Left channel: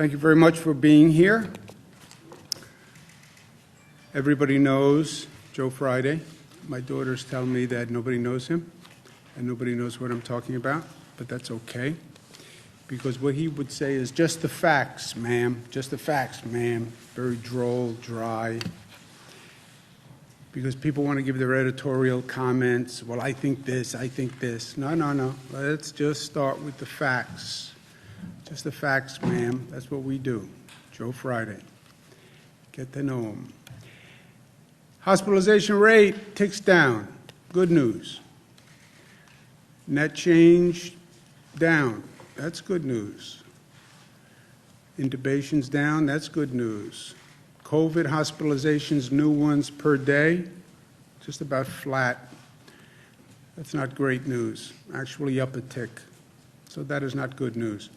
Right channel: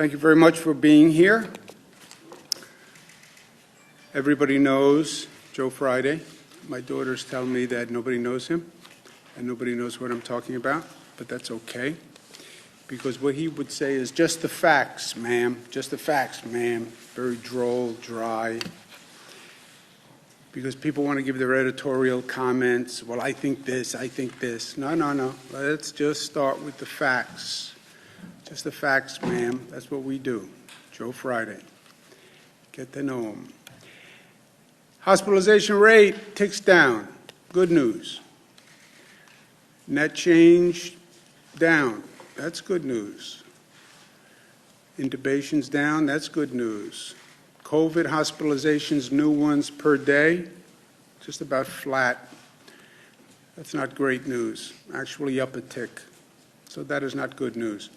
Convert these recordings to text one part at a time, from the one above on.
Thank you very much for being here. Everybody knows Joe Friday. My daughters tell me that nobody knows him and nobody knows what I'm talking about, but that's okay, because what he would say is just the facts, ma'am, just the facts, ma'am. Very droll, dry, because people want to give their editorial comments. Well, I think this, I think this. No. Let's just start with the facts. Just the facts, ma'am. That's what we do. Joe Friday. Get to know him. Hospitalization rate ticks down. Good news. Net change down. That's good news. Intubations down. That's good news. COVID hospitalizations, new ones per day, just about flat. That's not great news. Actually up a tick. So that is not good news.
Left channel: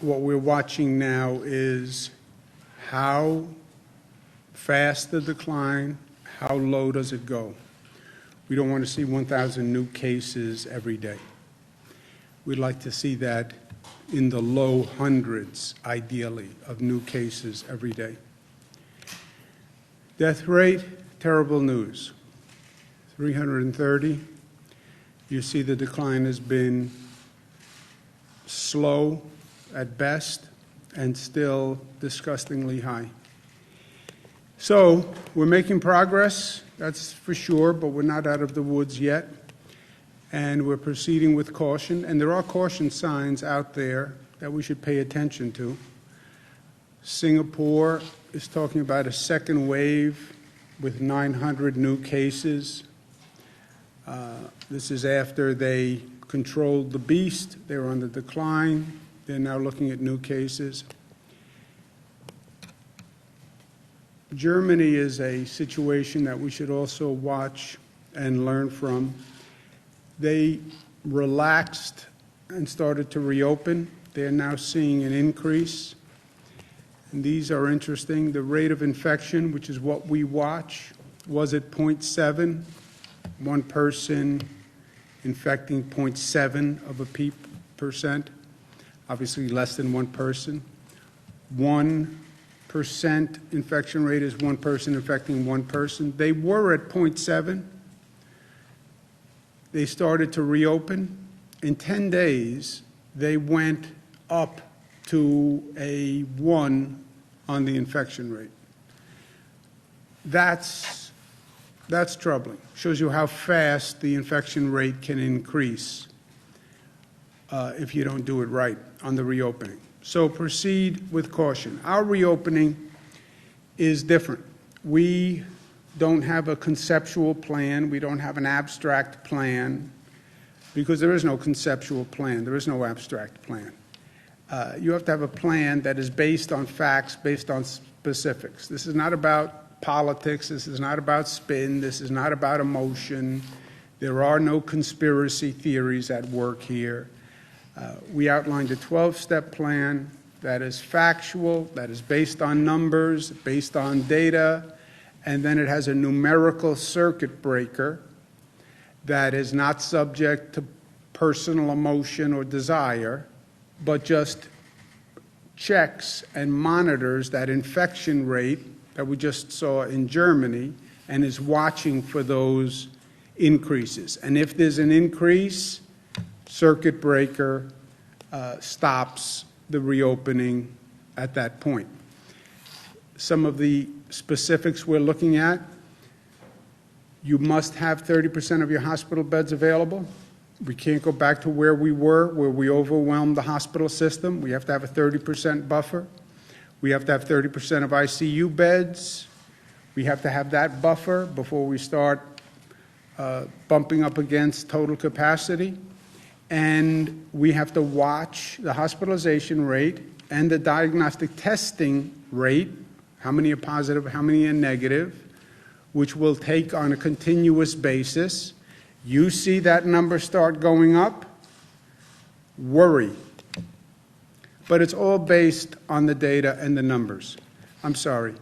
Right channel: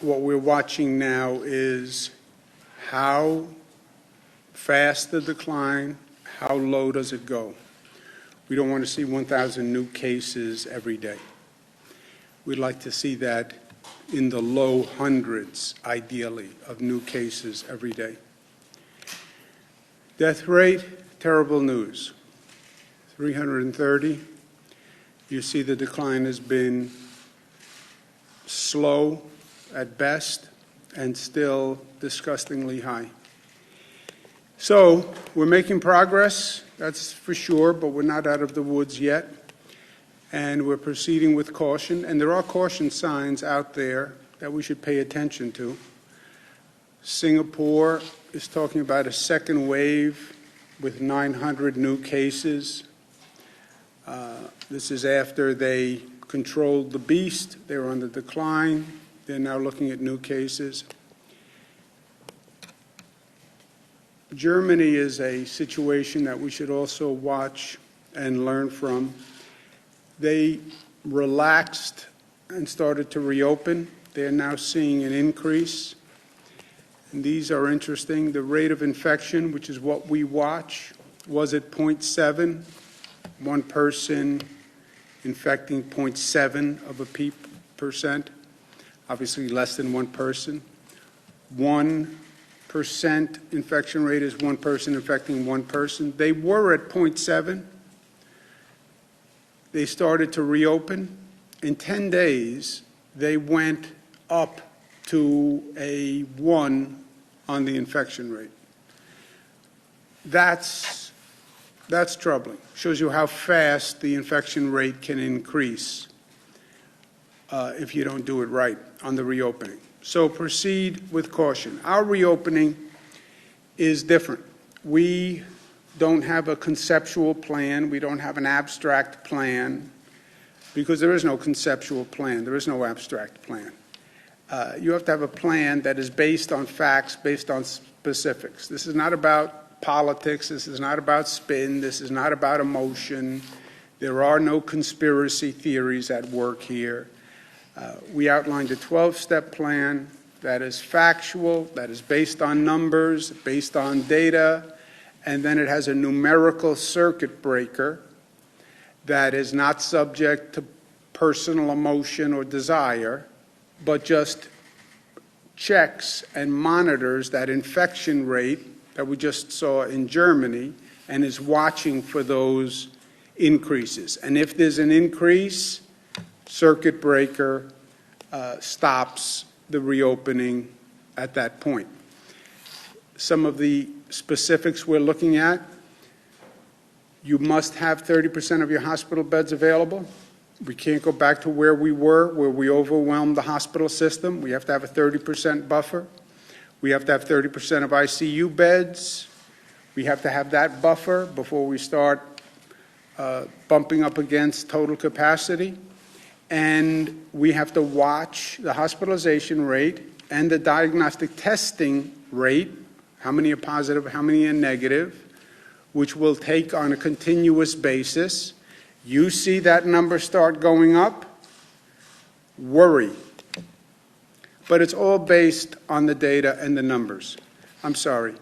What we're watching now is how fast the decline, how low does it go. We don't want to see 1,000 new cases every day. We'd like to see that in the low hundreds, ideally, of new cases every day. Death rate, terrible news. 330. You see the decline has been slow at best and still disgustingly high. So we're making progress, that's for sure, but we're not out of the woods yet. And we're proceeding with caution, and there are caution signs out there that we should pay attention to. Singapore is talking about a second wave with 900 new cases. This is after they controlled the beast. They were on the decline. They're now looking at new cases. Germany is a situation that we should also watch and learn from. They relaxed and started to reopen. They're now seeing an increase. And these are interesting. The rate of infection, which is what we watch, was at 0.7. One person infecting 0.7 of a percent. Obviously less than one person. 1% infection rate is one person infecting one person. They were at 0.7. They started to reopen. In 10 days, they went up to a 1 on the infection rate. That's troubling. Shows you how fast the infection rate can increase if you don't do it right on the reopening. So proceed with caution. Our reopening is different. We don't have a conceptual plan. We don't have an abstract plan, because there is no conceptual plan. There is no abstract plan. You have to have a plan that is based on facts, based on specifics. This is not about politics. This is not about spin. This is not about emotion. There are no conspiracy theories at work here. We outlined a 12-step plan that is factual, that is based on numbers, based on data, and then it has a numerical circuit breaker that is not subject to personal emotion or desire, but just checks and monitors that infection rate that we just saw in Germany and is watching for those increases. And if there's an increase, circuit breaker stops the reopening at that point. Some of the specifics we're looking at: you must have 30% of your hospital beds available. We can't go back to where we were, where we overwhelmed the hospital system. We have to have a 30% buffer. We have to have 30% of ICU beds. We have to have that buffer before we start bumping up against total capacity. And we have to watch the hospitalization rate and the diagnostic testing rate, how many are positive, how many are negative, which we'll take on a continuous basis. You see that number start going up, worry. But it's all based on the data and the numbers. I'm sorry.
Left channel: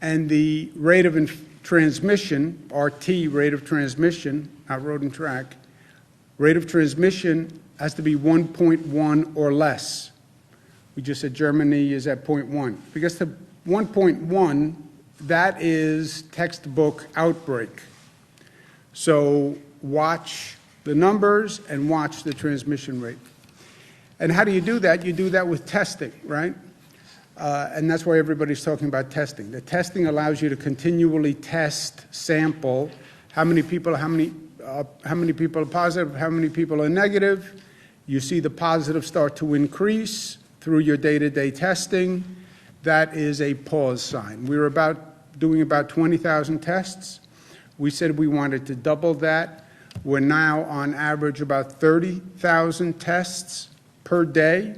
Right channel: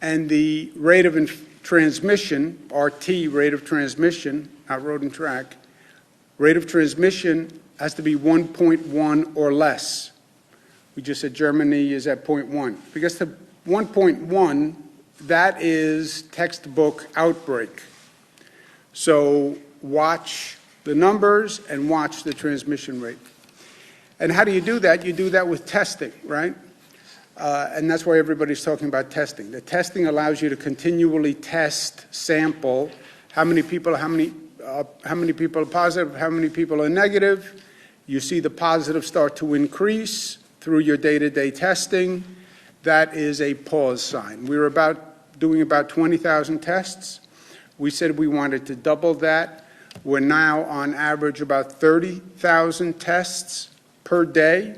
And the rate of transmission, RT, rate of transmission, not road and track, rate of transmission has to be 1.1 or less. We just said Germany is at 0.1. Because to 1.1, that is textbook outbreak. So watch the numbers and watch the transmission rate. And how do you do that? You do that with testing, right? And that's why everybody's talking about testing. The testing allows you to continually test, sample, how many people are positive, how many people are negative. You see the positives start to increase through your day-to-day testing. That is a pause sign. We were doing about 20,000 tests. We said we wanted to double that. We're now on average about 30,000 tests per day,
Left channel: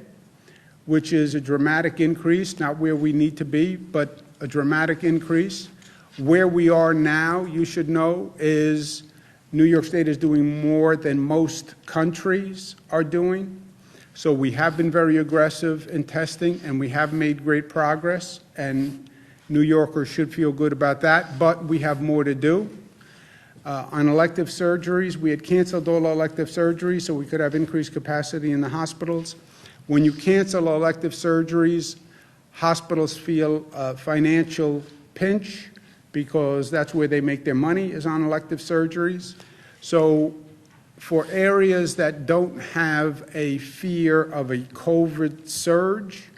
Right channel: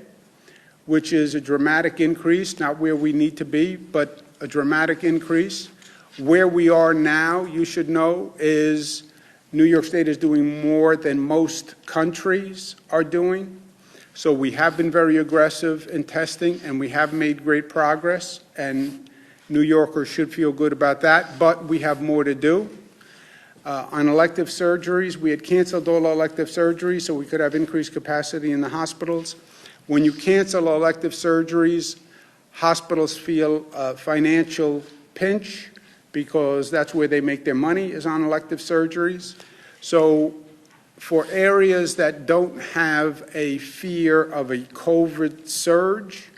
which is a dramatic increase, not where we need to be, but a dramatic increase. Where we are now, you should know, is New York State is doing more than most countries are doing. So we have been very aggressive in testing, and we have made great progress, and New Yorkers should feel good about that, but we have more to do. On elective surgeries, we had canceled all elective surgeries so we could have increased capacity in the hospitals. When you cancel elective surgeries, hospitals feel a financial pinch because that's where they make their money, is on elective surgeries. So for areas that don't have a fear of a COVID surge,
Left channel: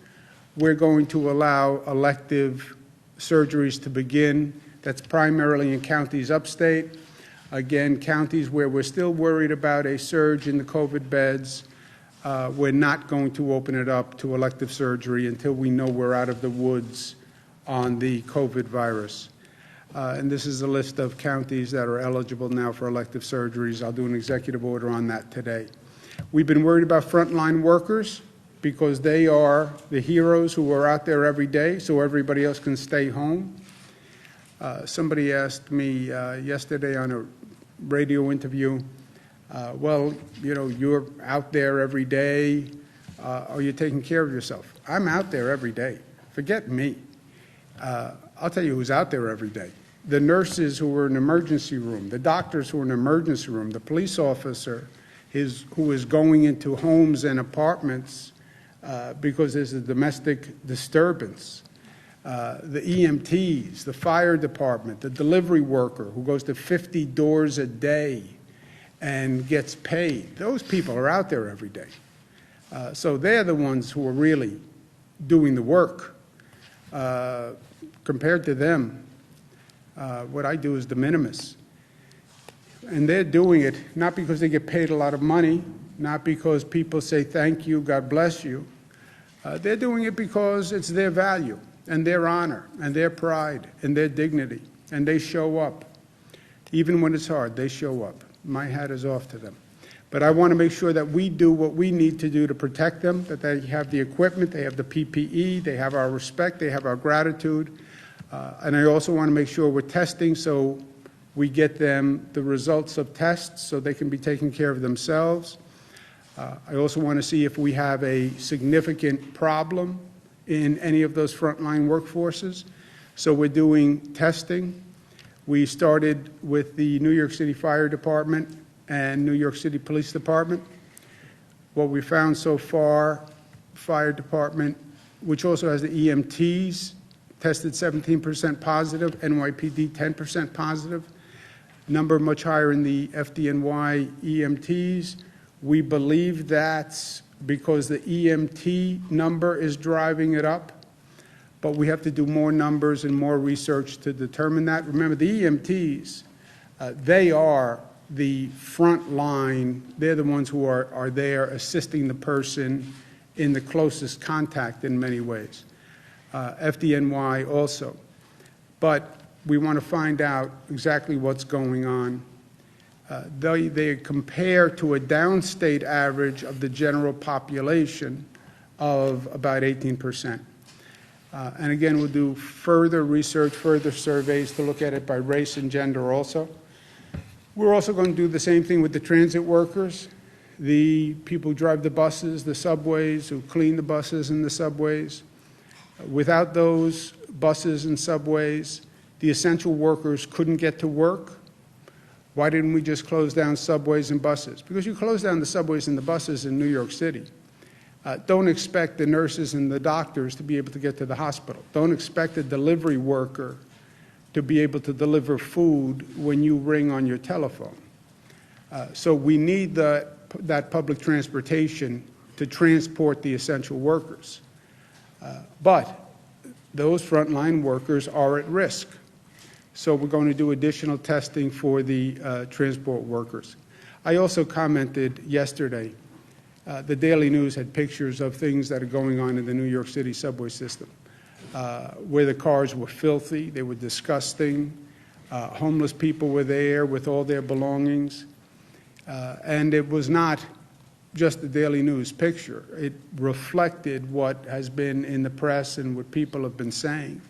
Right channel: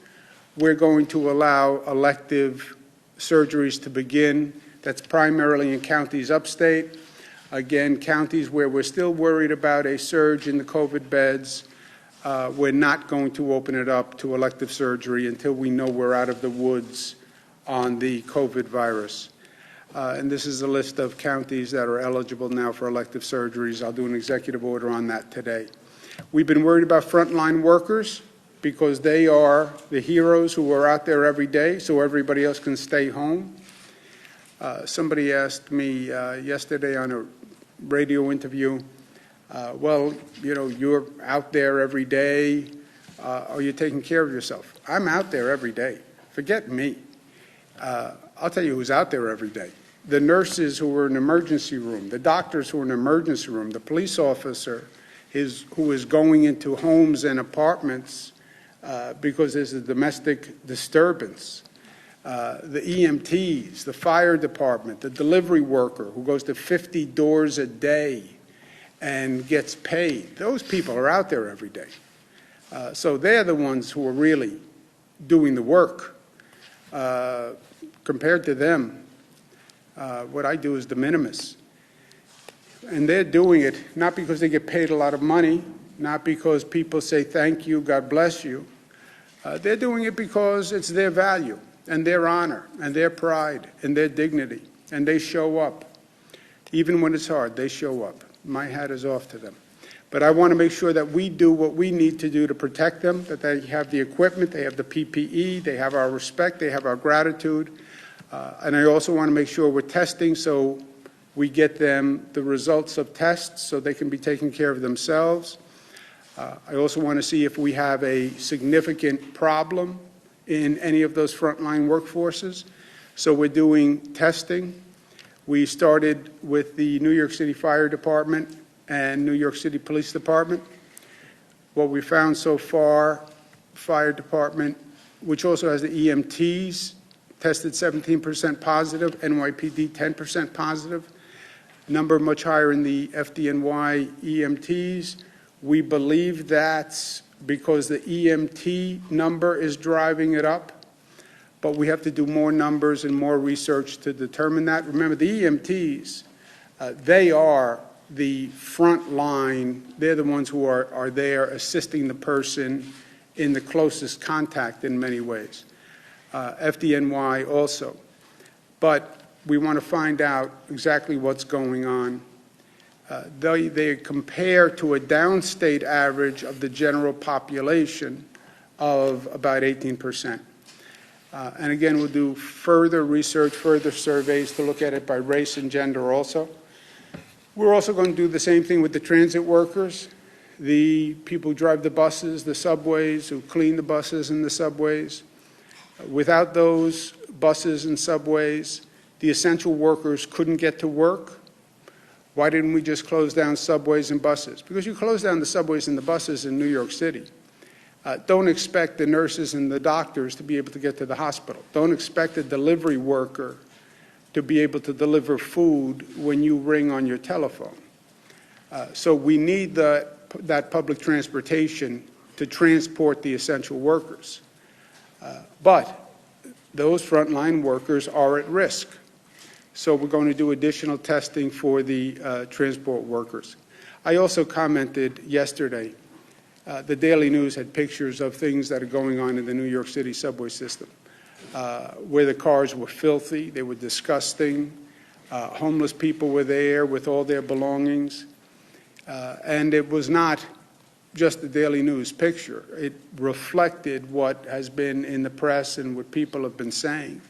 we're going to allow elective surgeries to begin. That's primarily in counties upstate. Again, counties where we're still worried about a surge in the COVID beds, we're not going to open it up to elective surgery until we know we're out of the woods on the COVID virus. And this is a list of counties that are eligible now for elective surgeries. I'll do an executive order on that today. We've been worried about frontline workers because they are the heroes who are out there every day so everybody else can stay home. Somebody asked me yesterday on a radio interview, well, you know, you're out there every day. Are you taking care of yourself? I'm out there every day. Forget me. I'll tell you who's out there every day. The nurses who are in the emergency room, the doctors who are in the emergency room, the police officer who is going into homes and apartments because there's a domestic disturbance. The EMTs, the fire department, the delivery worker who goes to 50 doors a day and gets paid. Those people are out there every day. So they're the ones who are really doing the work. Compared to them, what I do is de minimis. And they're doing it not because they get paid a lot of money, not because people say thank you, God bless you. They're doing it because it's their value and their honor and their pride and their dignity. And they show up. Even when it's hard, they show up. My hat is off to them. But I want to make sure that we do what we need to do to protect them, that they have the equipment, they have the PPE, they have our respect, they have our gratitude. And I also want to make sure we're testing so we get them the results of tests so they can be taking care of themselves. I also want to see if we have a significant problem in any of those frontline workforces. So we're doing testing. We started with the New York City Fire Department and New York City Police Department. What we found so far, Fire Department, which also has the EMTs, tested 17% positive, NYPD 10% positive, number much higher in the FDNY EMTs. We believe that's because the EMT number is driving it up, but we have to do more numbers and more research to determine that. Remember, the EMTs, they are the front line. They're the ones who are there assisting the person in the closest contact in many ways. FDNY also. But we want to find out exactly what's going on. They compare to a downstate average of the general population of about 18%. And again, we'll do further research, further surveys to look at it by race and gender also. We're also going to do the same thing with the transit workers, the people who drive the buses, the subways, who clean the buses and the subways. Without those buses and subways, the essential workers couldn't get to work. Why didn't we just close down subways and buses? Because you close down the subways and the buses in New York City, Don't expect the nurses and the doctors to be able to get to the hospital. Don't expect a delivery worker to be able to deliver food when you ring on your telephone. So we need that public transportation to transport the essential workers. But those frontline workers are at risk. So we're going to do additional testing for the transport workers. I also commented yesterday, the Daily News had pictures of things that are going on in the New York City subway system, where the cars were filthy, they were disgusting, homeless people were there with all their belongings, and it was not just the Daily News picture. It reflected what has been in the press and what people have been saying,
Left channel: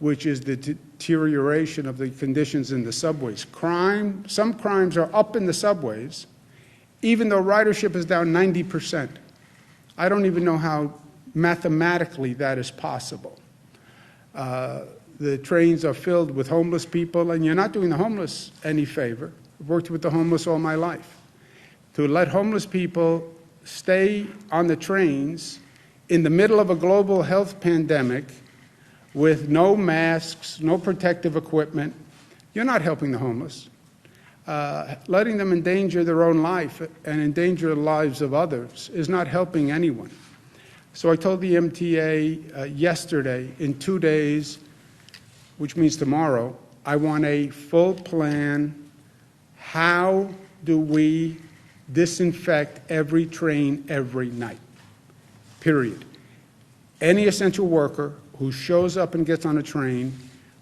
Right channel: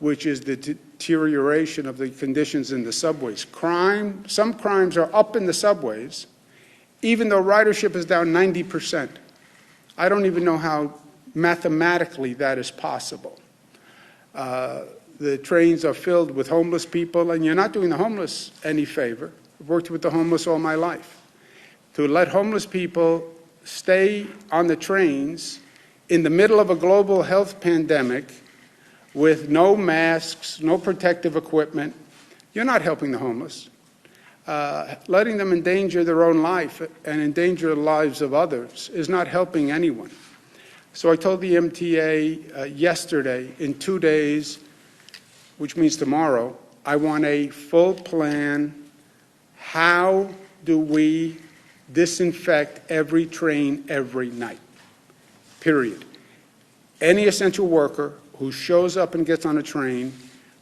which is the deterioration of the conditions in the subways. Some crimes are up in the subways, even though ridership is down 90%. I don't even know how mathematically that is possible. The trains are filled with homeless people, and you're not doing the homeless any favor. I've worked with the homeless all my life. To let homeless people stay on the trains in the middle of a global health pandemic with no masks, no protective equipment, you're not helping the homeless. Letting them endanger their own life and endanger the lives of others is not helping anyone. So I told the MTA yesterday, in 2 days, which means tomorrow, I want a full plan. How do we disinfect every train every night? Period. Any essential worker who shows up and gets on a train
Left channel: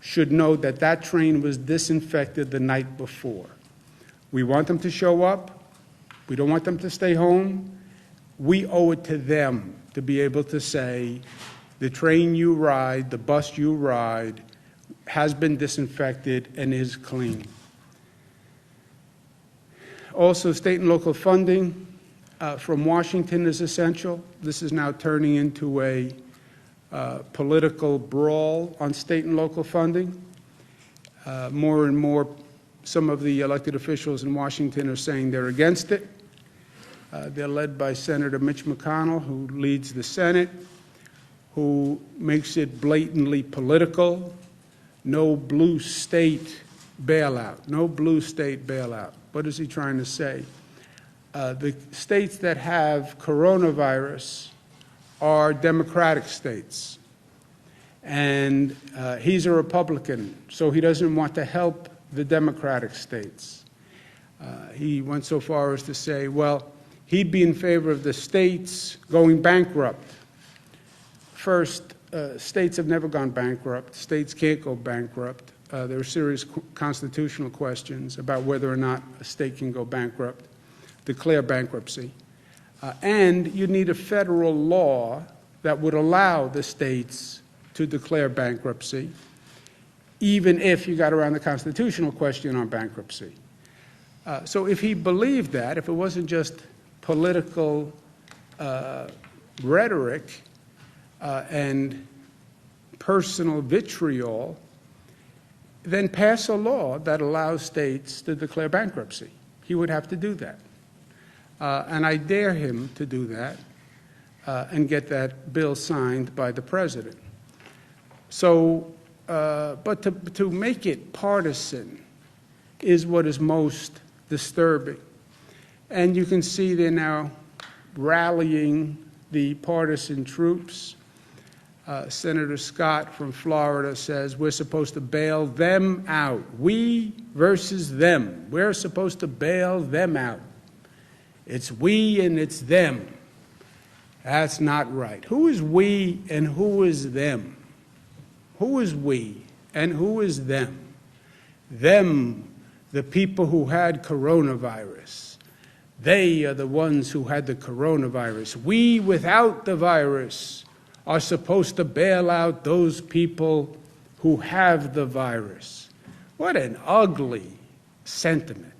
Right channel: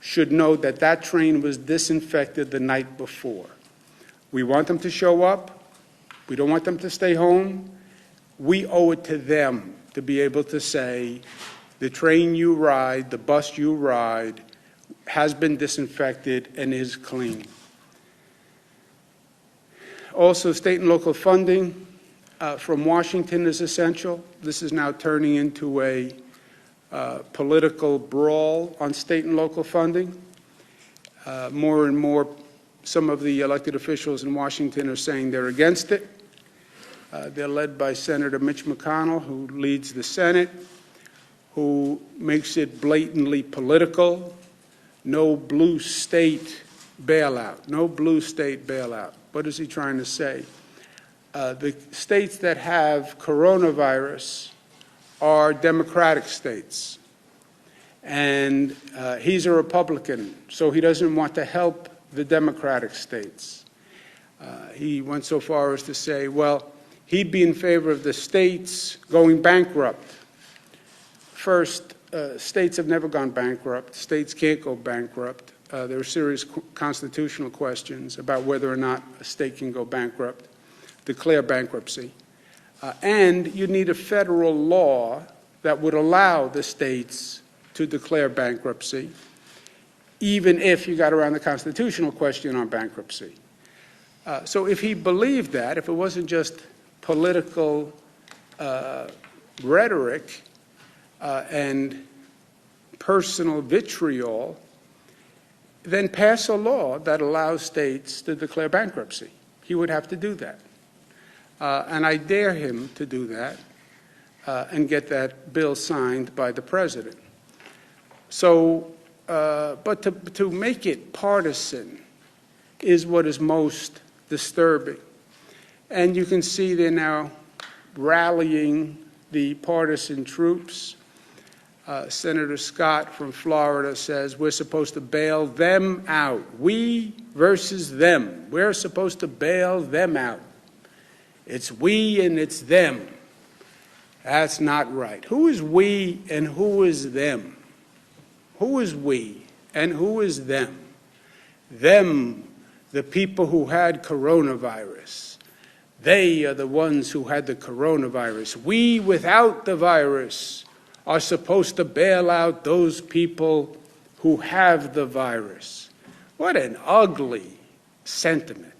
should know that that train was disinfected the night before. We want them to show up. We don't want them to stay home. We owe it to them to be able to say, the train you ride, the bus you ride, has been disinfected and is clean. Also, state and local funding from Washington is essential. This is now turning into a political brawl on state and local funding. More and more, some of the elected officials in Washington are saying they're against it. They're led by Senator Mitch McConnell, who leads the Senate, who makes it blatantly political. No blue state bailout. No blue state bailout. What is he trying to say? The states that have coronavirus are Democratic states. And he's a Republican, so he doesn't want to help the Democratic states. He went so far as to say, well, he'd be in favor of the states going bankrupt. First, states have never gone bankrupt. States can't go bankrupt. There are serious constitutional questions about whether or not a state can go bankrupt, declare bankruptcy. And you need a federal law that would allow the states to declare bankruptcy, even if you got around the constitutional question on bankruptcy. So if he believed that, if it wasn't just political rhetoric and personal vitriol, then pass a law that allows states to declare bankruptcy. He would have to do that. And I dare him to do that and get that bill signed by the president. So, but to make it partisan is what is most disturbing. And you can see they're now rallying the partisan troops. Senator Scott from Florida says we're supposed to bail them out. We versus them. We're supposed to bail them out. It's we and it's them. That's not right. Who is we and who is them? Who is we and who is them? Them, the people who had coronavirus. They are the ones who had the coronavirus. We, without the virus, are supposed to bail out those people who have the virus. What an ugly sentiment.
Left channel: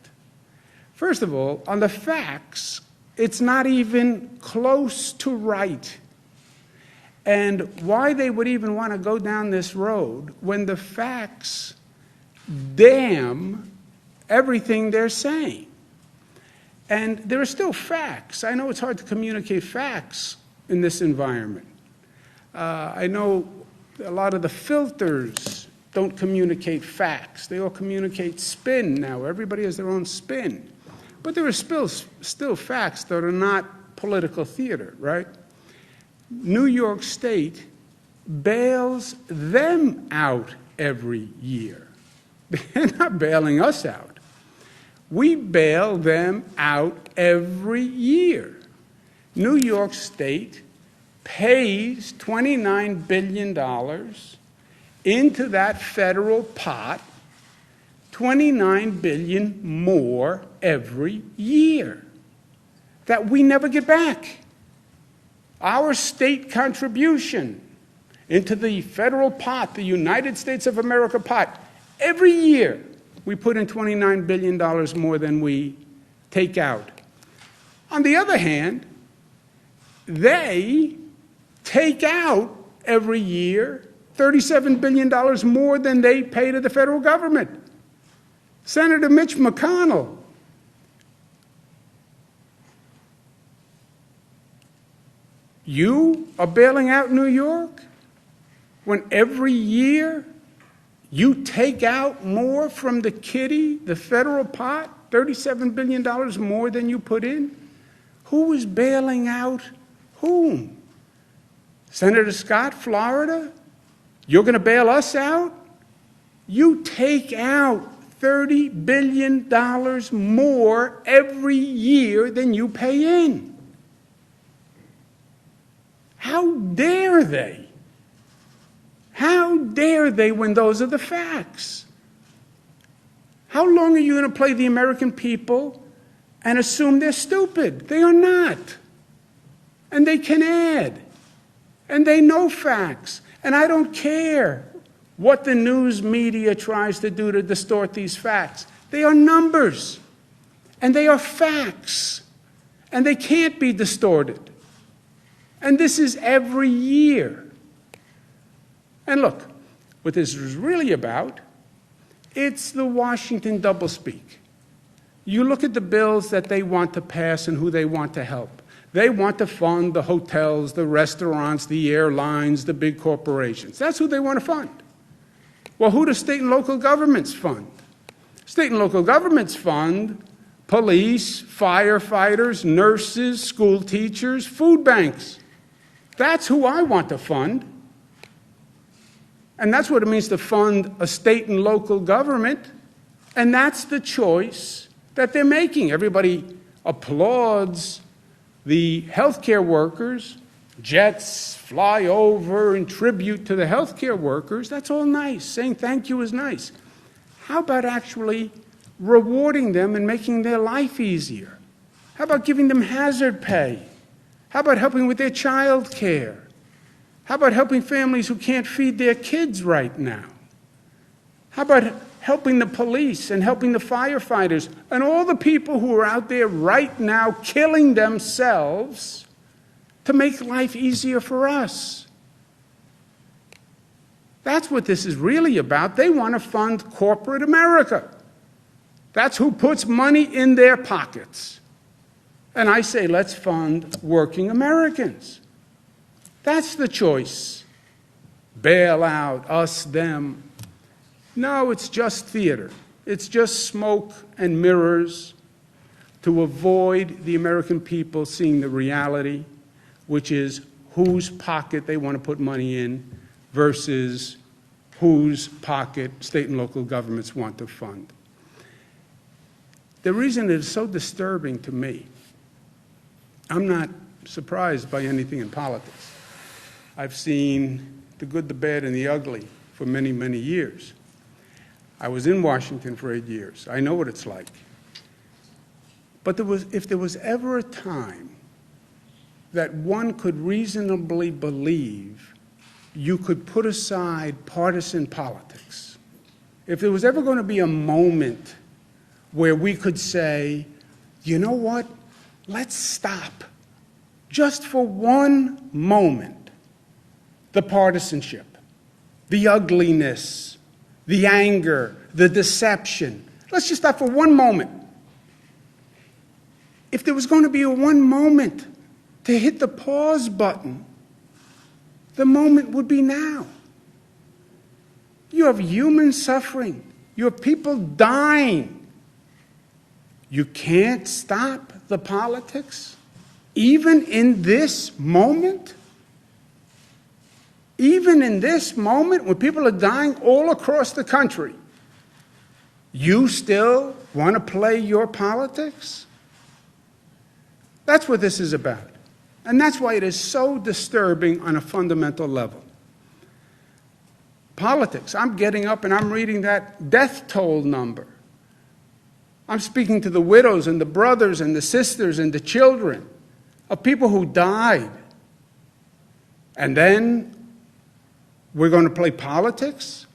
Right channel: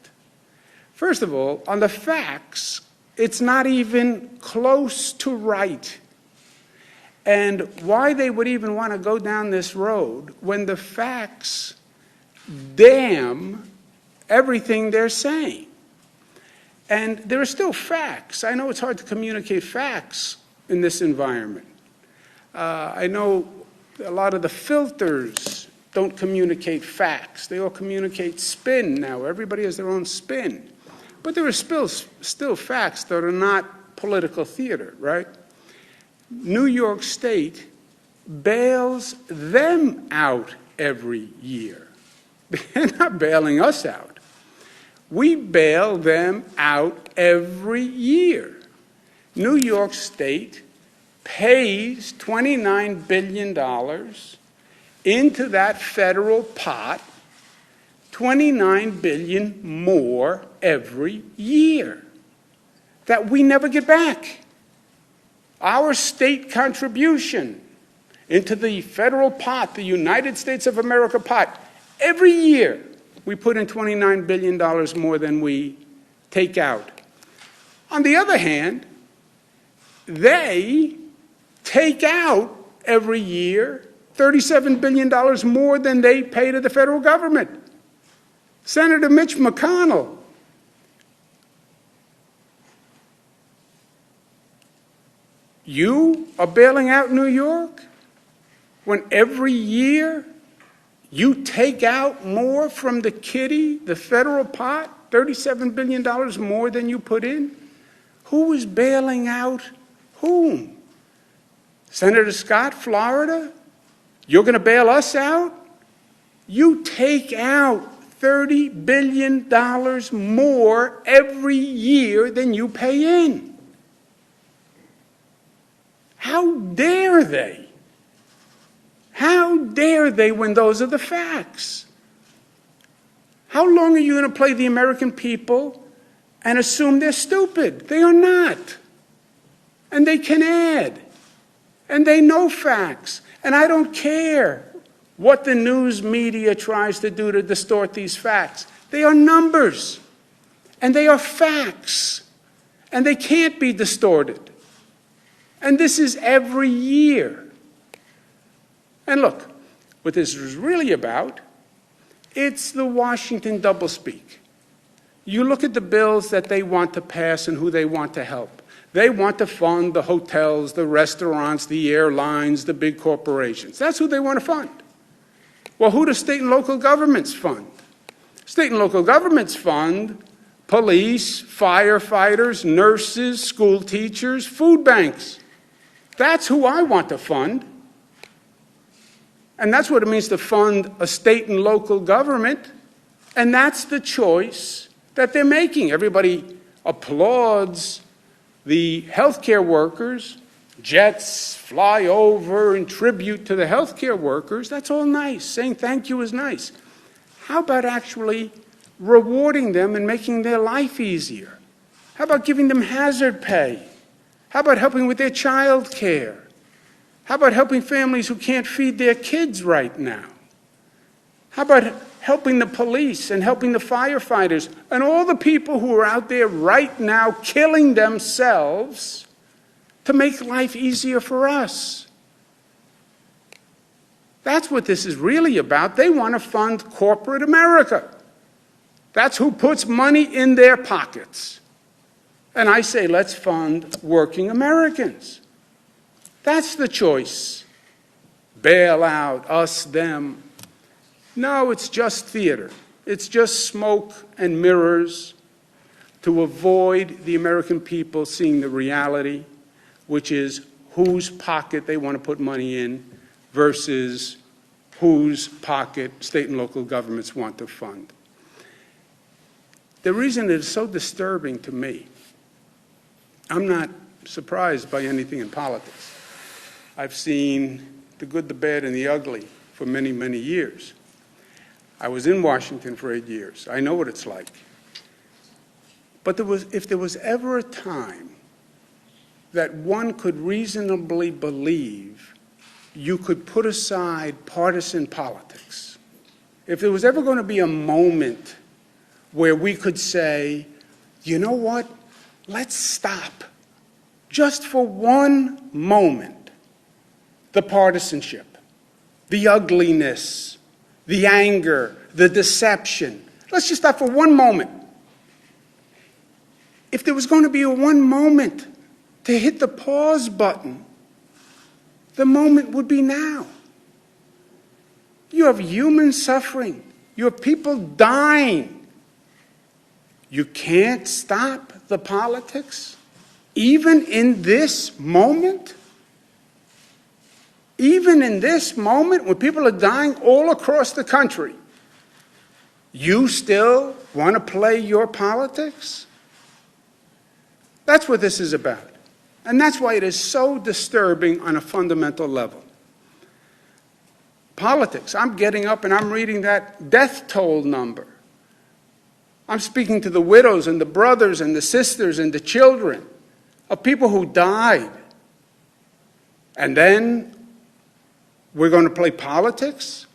First of all, on the facts, it's not even close to right. And why they would even want to go down this road when the facts damn everything they're saying. And there are still facts. I know it's hard to communicate facts in this environment. I know a lot of the filters don't communicate facts. They all communicate spin now. Everybody has their own spin. But there are still facts that are not political theater, right? New York State bails them out every year. They're not bailing us out. We bail them out every year. New York State pays $29 billion into that federal pot, $29 billion more every year that we never get back. Our state contribution into the federal pot, the United States of America pot, every year we put in $29 billion more than we take out. On the other hand, they take out every year $37 billion more than they pay to the federal government. Senator Mitch McConnell, you are bailing out New York when every year you take out more from the kitty, the federal pot, $37 billion more than you put in? Who is bailing out whom? Senator Scott, Florida? You're going to bail us out? You take out $30 billion more every year than you pay in. How dare they? How dare they when those are the facts? How long are you going to play the American people and assume they're stupid? They are not. And they can add. And they know facts. And I don't care what the news media tries to do to distort these facts. They are numbers. And they are facts. And they can't be distorted. And this is every year. And look, what this is really about, it's the Washington doublespeak. You look at the bills that they want to pass and who they want to help. They want to fund the hotels, the restaurants, the airlines, the big corporations. That's who they want to fund. Well, who do state and local governments fund? State and local governments fund police, firefighters, nurses, school teachers, food banks. That's who I want to fund. And that's what it means to fund a state and local government. And that's the choice that they're making. Everybody applauds the healthcare workers. Jets fly over in tribute to the healthcare workers. That's all nice. Saying thank you is nice. How about actually rewarding them and making their life easier? How about giving them hazard pay? How about helping with their child care? How about helping families who can't feed their kids right now? How about helping the police and helping the firefighters and all the people who are out there right now killing themselves to make life easier for us? That's what this is really about. They want to fund corporate America. That's who puts money in their pockets. And I say, let's fund working Americans. That's the choice. Bail out, us, them. No, it's just theater. It's just smoke and mirrors to avoid the American people seeing the reality, which is whose pocket they want to put money in versus whose pocket state and local governments want to fund. The reason it is so disturbing to me, I'm not surprised by anything in politics. I've seen the good, the bad, and the ugly for many, many years. I was in Washington for 8 years. I know what it's like. But if there was ever a time that one could reasonably believe you could put aside partisan politics, if there was ever going to be a moment where we could say, you know what, let's stop, just for one moment, the partisanship, the ugliness, the anger, the deception. Let's just stop for one moment. If there was going to be a one moment to hit the pause button, the moment would be now. You have human suffering. You have people dying. You can't stop the politics, even in this moment? Even in this moment, when people are dying all across the country, you still want to play your politics? That's what this is about. And that's why it is so disturbing on a fundamental level. Politics. I'm getting up and I'm reading that death toll number. I'm speaking to the widows and the brothers and the sisters and the children of people who died. And then we're going to play politics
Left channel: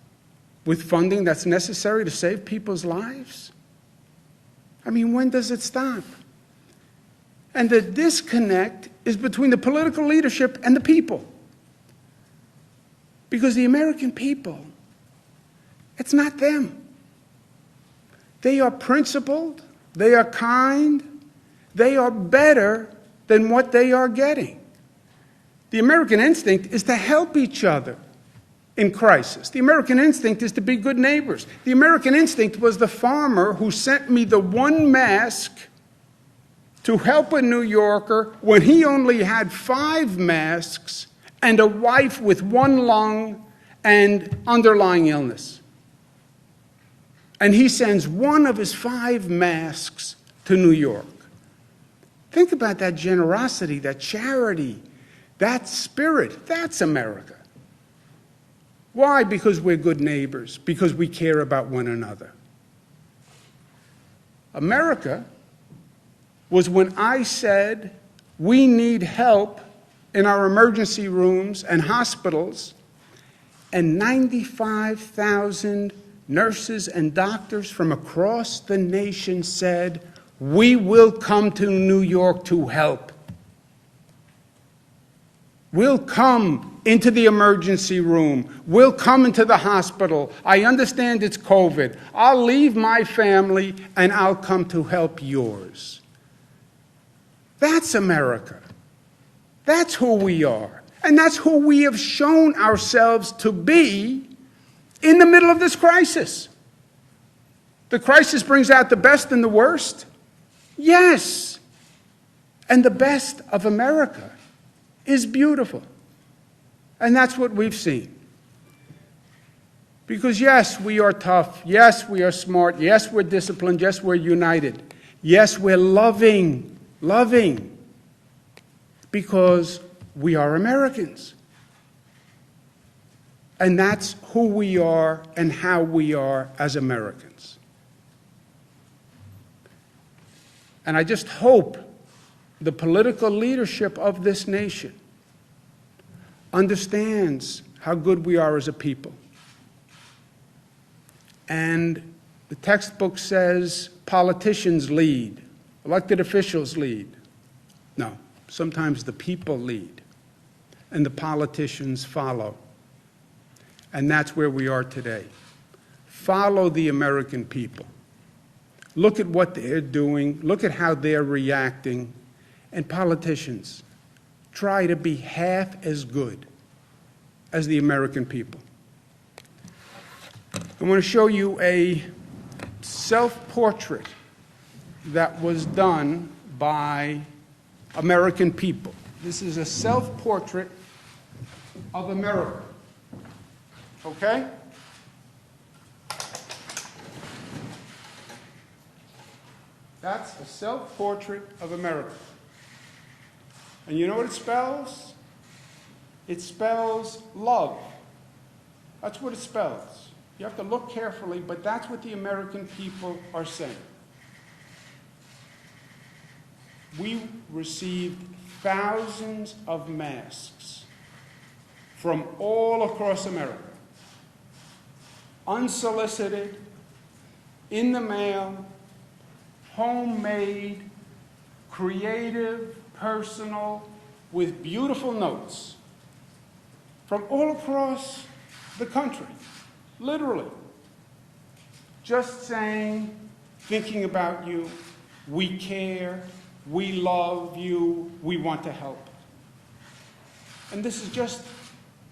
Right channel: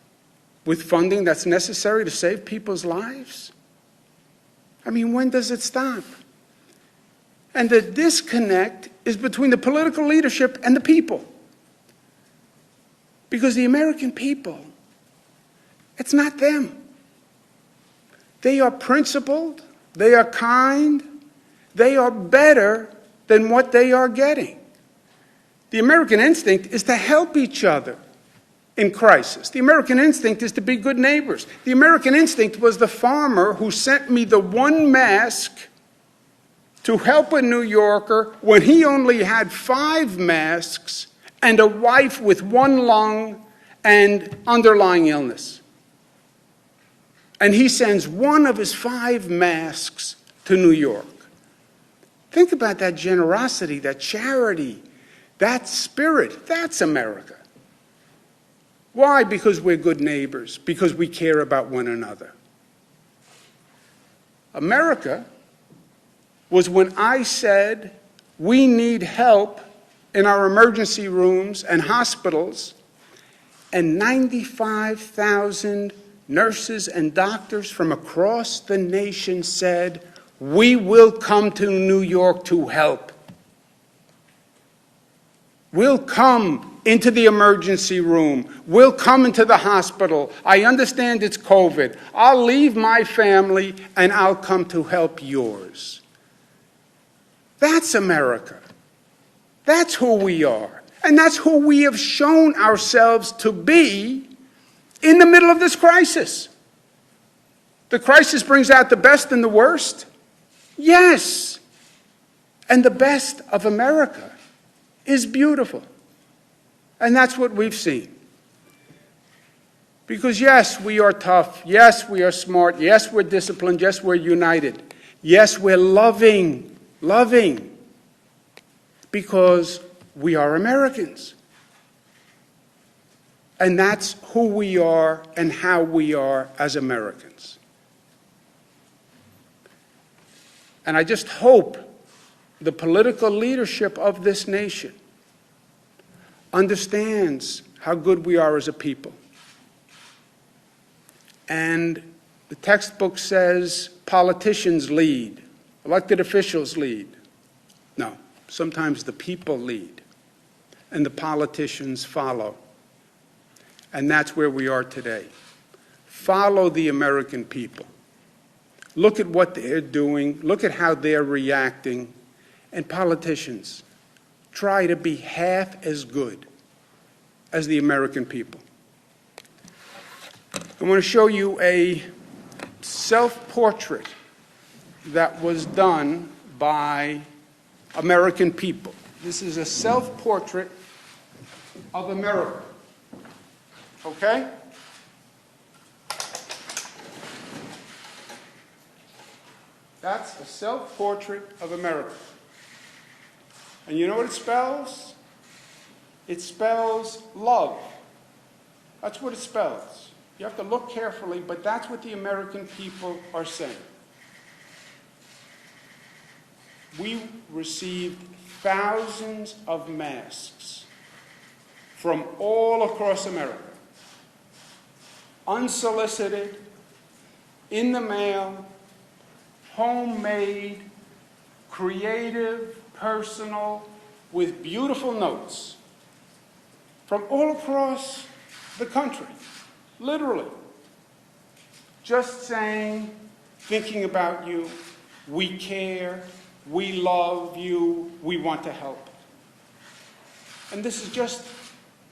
with funding that's necessary to save people's lives? I mean, when does it stop? And the disconnect is between the political leadership and the people. Because the American people, it's not them. They are principled, they are kind, they are better than what they are getting. The American instinct is to help each other in crisis. The American instinct is to be good neighbors. The American instinct was the farmer who sent me the one mask to help a New Yorker when he only had 5 masks and a wife with 1 lung and underlying illness. And he sends 1 of his 5 masks to New York. Think about that generosity, that charity, that spirit. That's America. Why? Because we're good neighbors, because we care about one another. America was when I said we need help in our emergency rooms and hospitals, and 95,000 nurses and doctors from across the nation said, we will come to New York to help. We'll come into the emergency room. We'll come into the hospital. I understand it's COVID. I'll leave my family and I'll come to help yours. That's America. That's who we are. And that's who we have shown ourselves to be in the middle of this crisis. The crisis brings out the best and the worst. Yes. And the best of America is beautiful. And that's what we've seen. Because yes, we are tough. Yes, we are smart. Yes, we're disciplined. Yes, we're united. Yes, we're loving. Because we are Americans. And that's who we are and how we are as Americans. And I just hope the political leadership of this nation understands how good we are as a people. And the textbook says politicians lead, elected officials lead. No, sometimes the people lead, and the politicians follow. And that's where we are today. Follow the American people. Look at what they're doing. Look at how they're reacting. And politicians, try to be half as good as the American people. I want to show you a self-portrait that was done by American people. This is a self-portrait of America. Okay? That's a self-portrait of America. And you know what it spells? It spells love. That's what it spells. You have to look carefully, but that's what the American people are saying. We received thousands of masks from all across America. Unsolicited, in the mail, homemade, creative, personal, with beautiful notes from all across the country, literally. Just saying, thinking about you, we care, we love you, we want to help. And this is just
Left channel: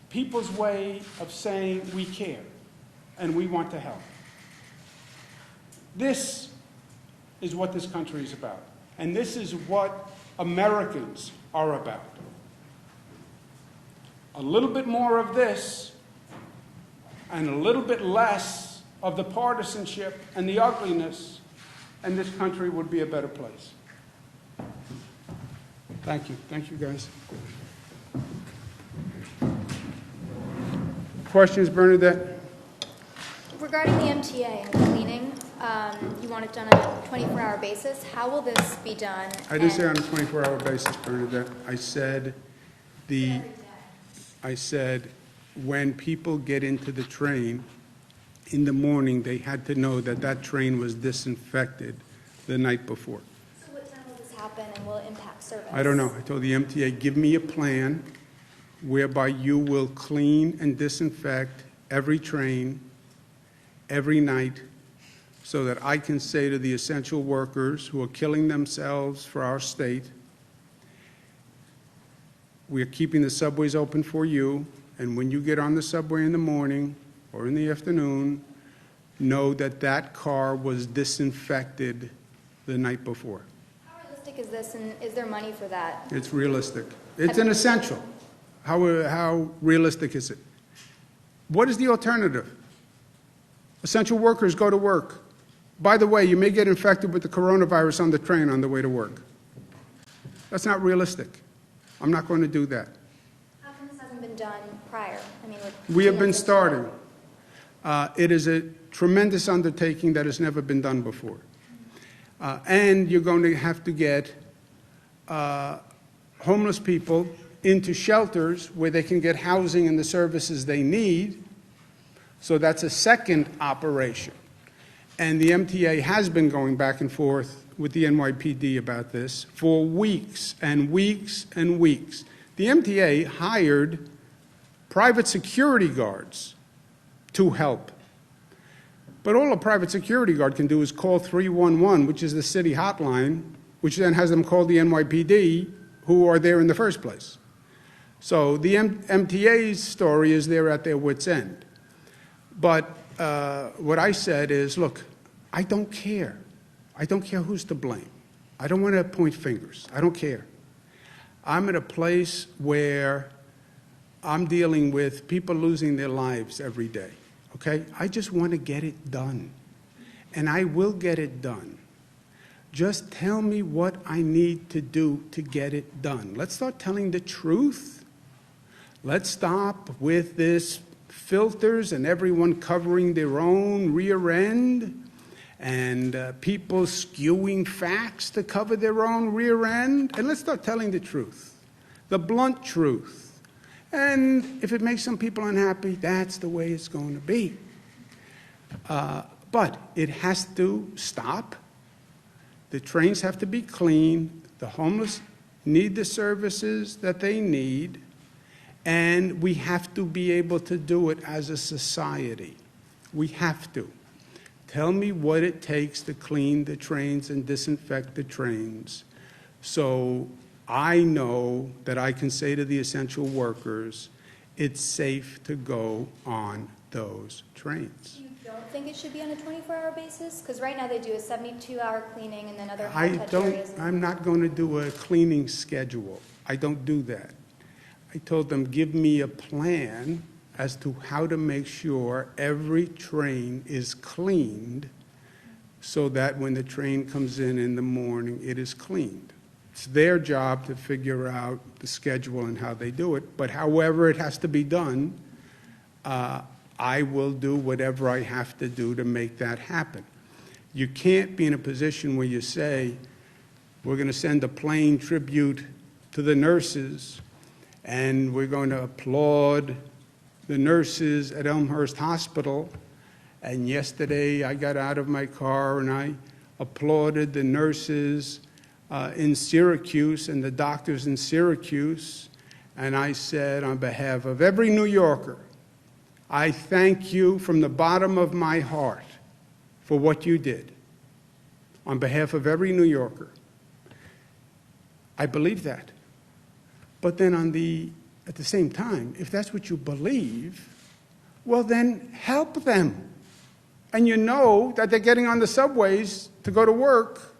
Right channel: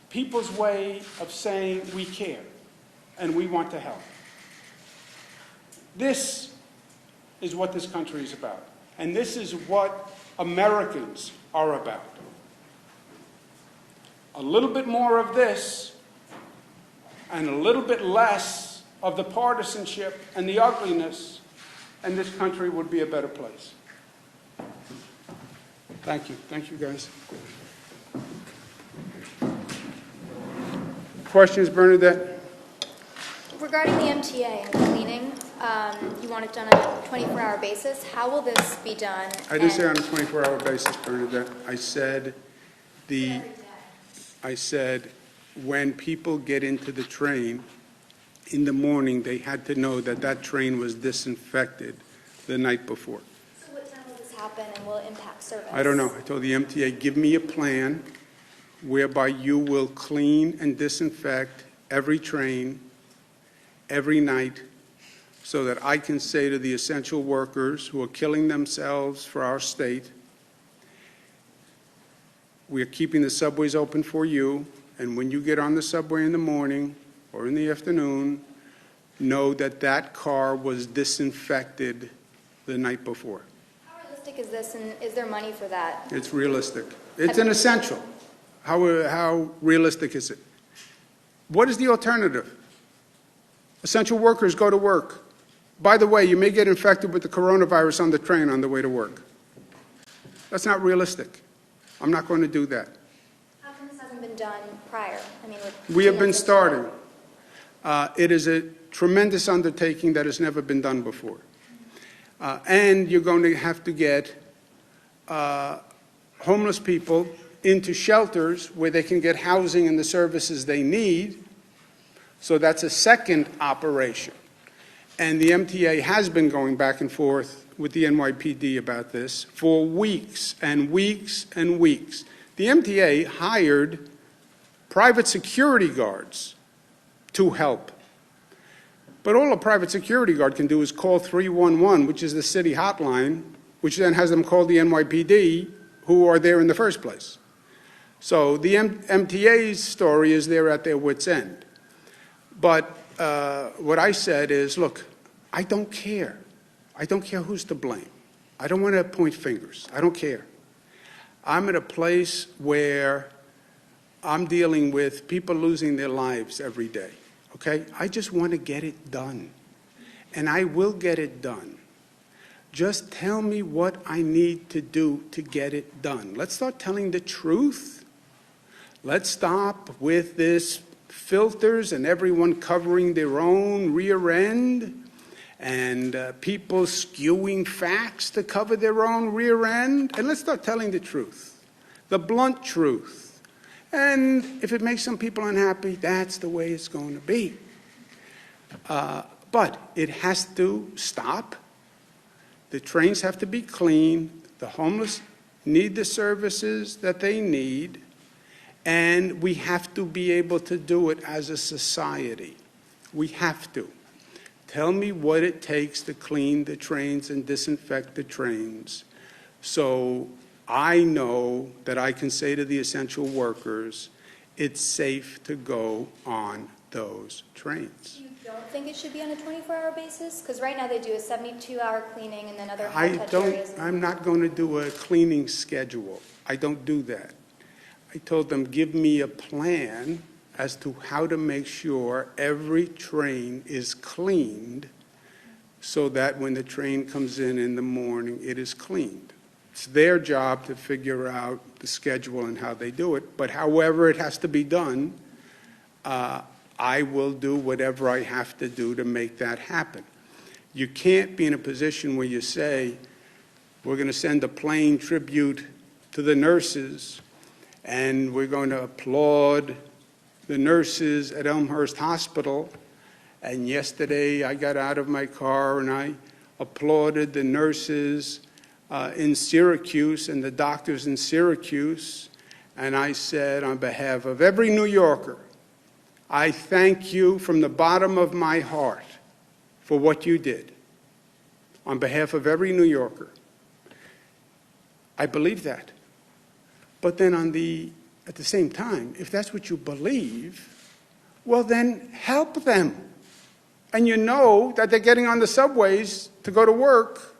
people's way of saying we care and we want to help. This is what this country is about. And this is what Americans are about. A little bit more of this and a little bit less of the partisanship and the ugliness, and this country would be a better place. Thank you. Thank you, guys. Questions, Bernadette? Regarding the MTA and cleaning, you want it done on a 24-hour basis. How will this be done? I didn't say on a 24-hour basis, Bernadette. I said when people get into the train in the morning, they had to know that that train was disinfected the night before. So what time will this happen, and will it impact service? I don't know. I told the MTA, give me a plan whereby you will clean and disinfect every train every night so that I can say to the essential workers who are killing themselves for our state, we are keeping the subways open for you, and when you get on the subway in the morning or in the afternoon, know that that car was disinfected the night before. How realistic is this, and is there money for that? It's realistic. It's an essential. How realistic is it? What is the alternative? Essential workers go to work. By the way, you may get infected with the coronavirus on the train on the way to work. That's not realistic. I'm not going to do that. How come this hasn't been done prior? I mean, we have been starting. It is a tremendous undertaking that has never been done before. And you're going to have to get homeless people into shelters where they can get housing and the services they need. So that's a second operation. And the MTA has been going back and forth with the NYPD about this for weeks and weeks and weeks. The MTA hired private security guards to help. But all a private security guard can do is call 311, which is the city hotline, which then has them call the NYPD, who are there in the first place. So the MTA's story is they're at their wits' end. But what I said is, look, I don't care. I don't care who's to blame. I don't want to point fingers. I don't care. I'm at a place where I'm dealing with people losing their lives every day, okay? I just want to get it done, and I will get it done. Just tell me what I need to do to get it done. Let's start telling the truth. Let's stop with this filters and everyone covering their own rear end and people skewing facts to cover their own rear end. And let's start telling the truth, the blunt truth. And if it makes some people unhappy, that's the way it's going to be. But it has to stop. The trains have to be clean. The homeless need the services that they need. And we have to be able to do it as a society. We have to. Tell me what it takes to clean the trains and disinfect the trains so I know that I can say to the essential workers, it's safe to go on those trains. You don't think it should be on a 24-hour basis? Because right now they do a 72-hour cleaning and then other high-touch areas. I'm not going to do a cleaning schedule. I don't do that. I told them, give me a plan as to how to make sure every train is cleaned so that when the train comes in the morning, it is cleaned. It's their job to figure out the schedule and how they do it. But however it has to be done, I will do whatever I have to do to make that happen. You can't be in a position where you say, we're going to send a plain tribute to the nurses and we're going to applaud the nurses at Elmhurst Hospital. And yesterday I got out of my car and I applauded the nurses in Syracuse and the doctors in Syracuse. And I said, on behalf of every New Yorker, I thank you from the bottom of my heart for what you did. On behalf of every New Yorker. I believe that. But then at the same time, if that's what you believe, well then help them. And you know that they're getting on the subways to go to work,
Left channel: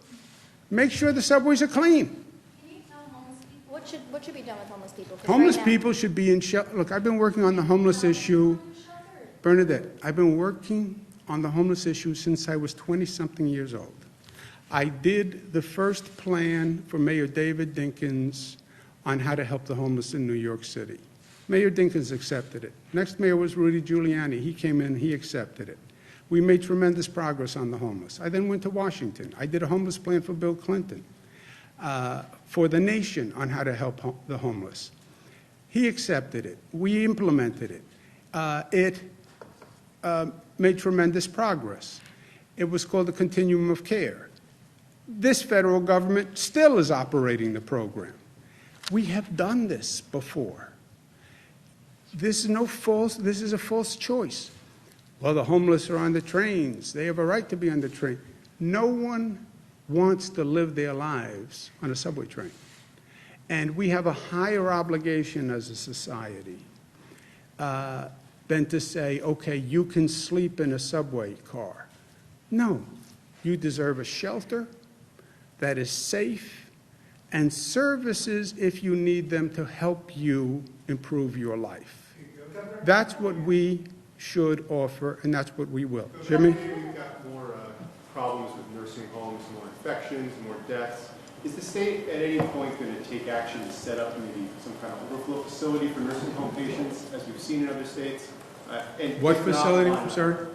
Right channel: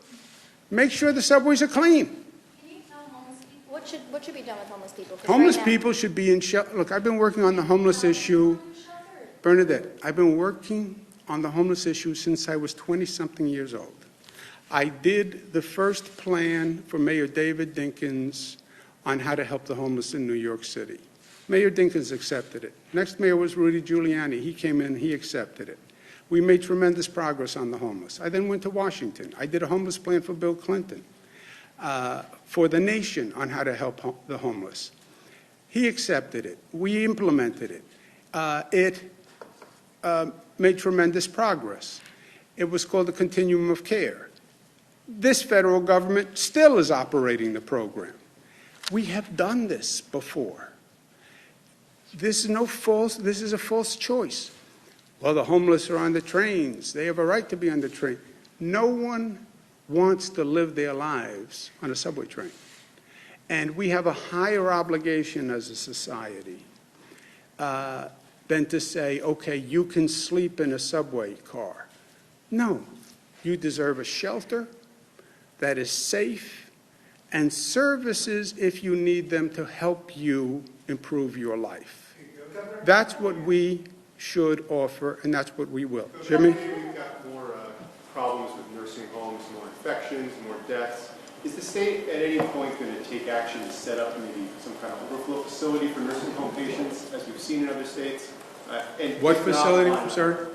make sure the subways are clean. Can you tell homeless people, what should be done with homeless people? 'Cause Homeless right now- people should be in shelter. Look, I've been working on the homeless issue. Bernadette, I've been working on the homeless issue since I was 20-something years old. I did the first plan for Mayor David Dinkins on how to help the homeless in New York City. Mayor Dinkins accepted it. Next mayor was Rudy Giuliani. He came in, he accepted it. We made tremendous progress on the homeless. I then went to Washington. I did a homeless plan for Bill Clinton, for the nation on how to help the homeless. He accepted it. We implemented it. It made tremendous progress. It was called the Continuum of Care. This federal government still is operating the program. We have done this before. This is a false choice. Well, the homeless are on the trains. They have a right to be on the train. No one wants to live their lives on a subway train. And we have a higher obligation as a society than to say, okay, you can sleep in a subway car. No, you deserve a shelter that is safe and services if you need them to help you improve your life. That's what we should offer, and that's what we will. Jimmy? We've got more problems with nursing homes, more infections, more deaths. Is the state at any point going to take action to set up maybe some kind of overflow facility for nursing home patients, as we've seen in other states? And What facility, sir?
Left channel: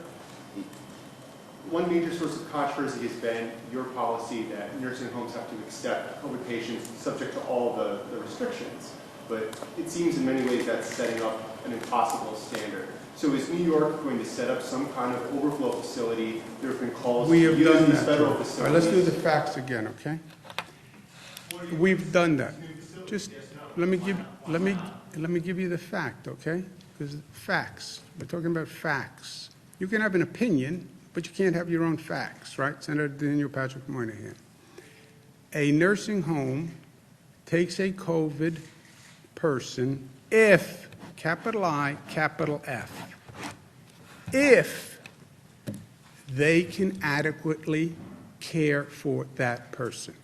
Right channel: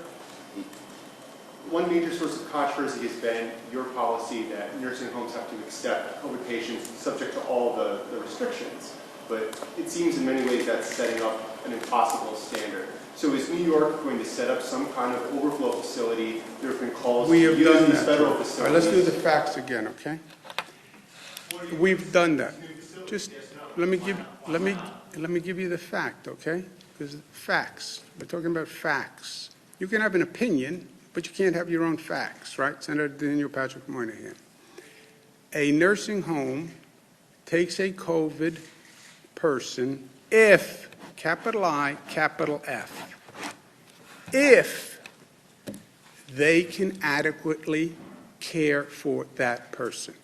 One major source of controversy has been your policy that nursing homes have to accept COVID patients subject to all the restrictions. But it seems in many ways that's setting up an impossible standard. So is New York going to set up some kind of overflow facility? There have been calls We to have use done these that. federal All facilities. right, let's do the facts again, okay? We've done that. Just let me give you the fact, okay? Because facts. We're talking about facts. You can have an opinion, but you can't have your own facts, right? Senator Daniel Patrick Moynihan. A nursing home takes a COVID person if, capital I, capital F, if they can adequately care for that person.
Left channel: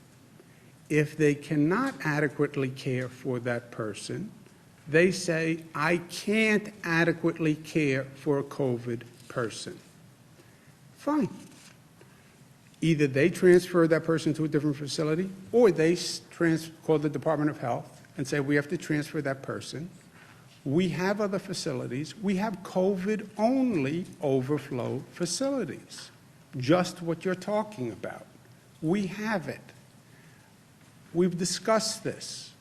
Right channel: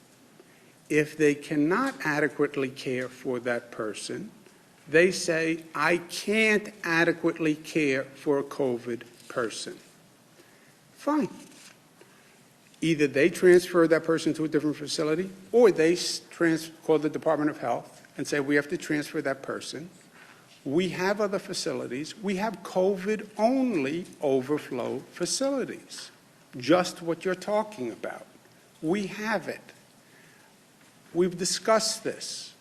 If they cannot adequately care for that person, they say, I can't adequately care for a COVID person. Fine. Either they transfer that person to a different facility, or they call the Department of Health and say, we have to transfer that person. We have other facilities. We have COVID-only overflow facilities, just what you're talking about. We have it. We've discussed this.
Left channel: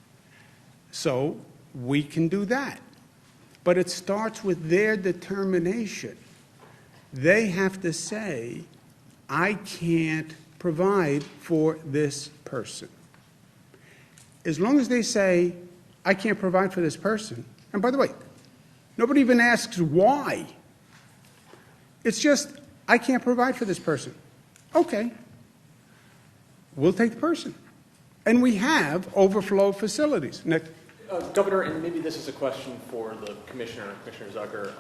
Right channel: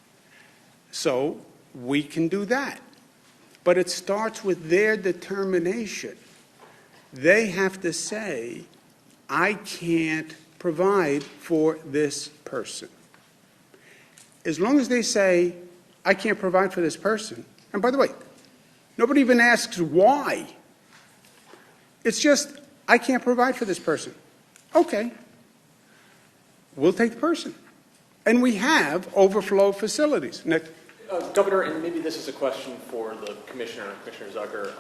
So we can do that. But it starts with their determination. They have to say, I can't provide for this person. As long as they say, I can't provide for this person, and by the way, nobody even asks why. It's just, I can't provide for this person. Okay. We'll take the person. And we have overflow facilities. Nick? Governor, and maybe this is a question for the Commissioner, Commissioner Zucker.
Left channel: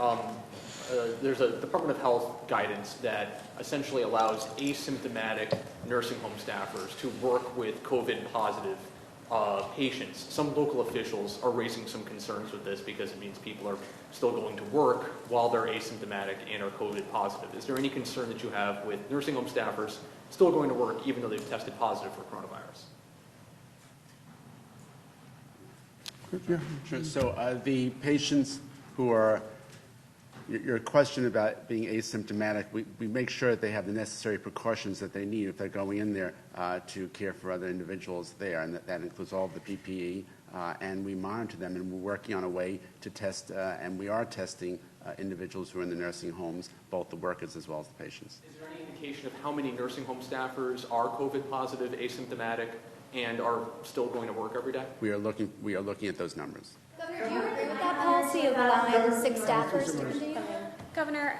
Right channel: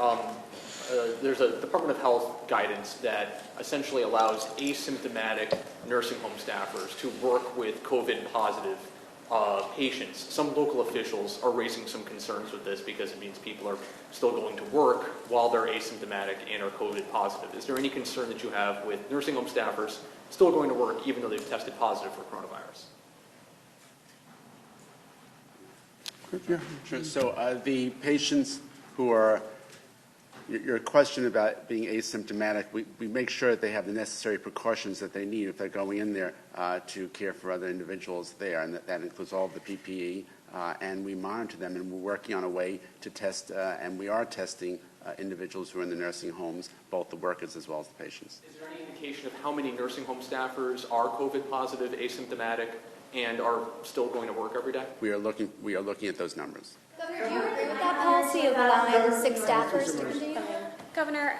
There's a Department of Health guidance that essentially allows asymptomatic nursing home staffers to work with COVID-positive patients. Some local officials are raising some concerns with this because it means people are still going to work while they're asymptomatic and are COVID positive. Is there any concern that you have with nursing home staffers still going to work even though they've tested positive for coronavirus? Yeah. Sure. So the patients who are, your question about being asymptomatic, we make sure that they have the necessary precautions that they need if they're going in there to care for other individuals there, and that includes all of the PPE, and we monitor them, and we're working on a way to test, and we are testing individuals who are in the nursing homes, both the workers as well as the patients. Is there any indication of how many nursing home staffers are COVID positive, asymptomatic, and are still going to work every day? We are looking at those numbers. Governor, do you agree with that policy of allowing 6 staffers to continue? Governor,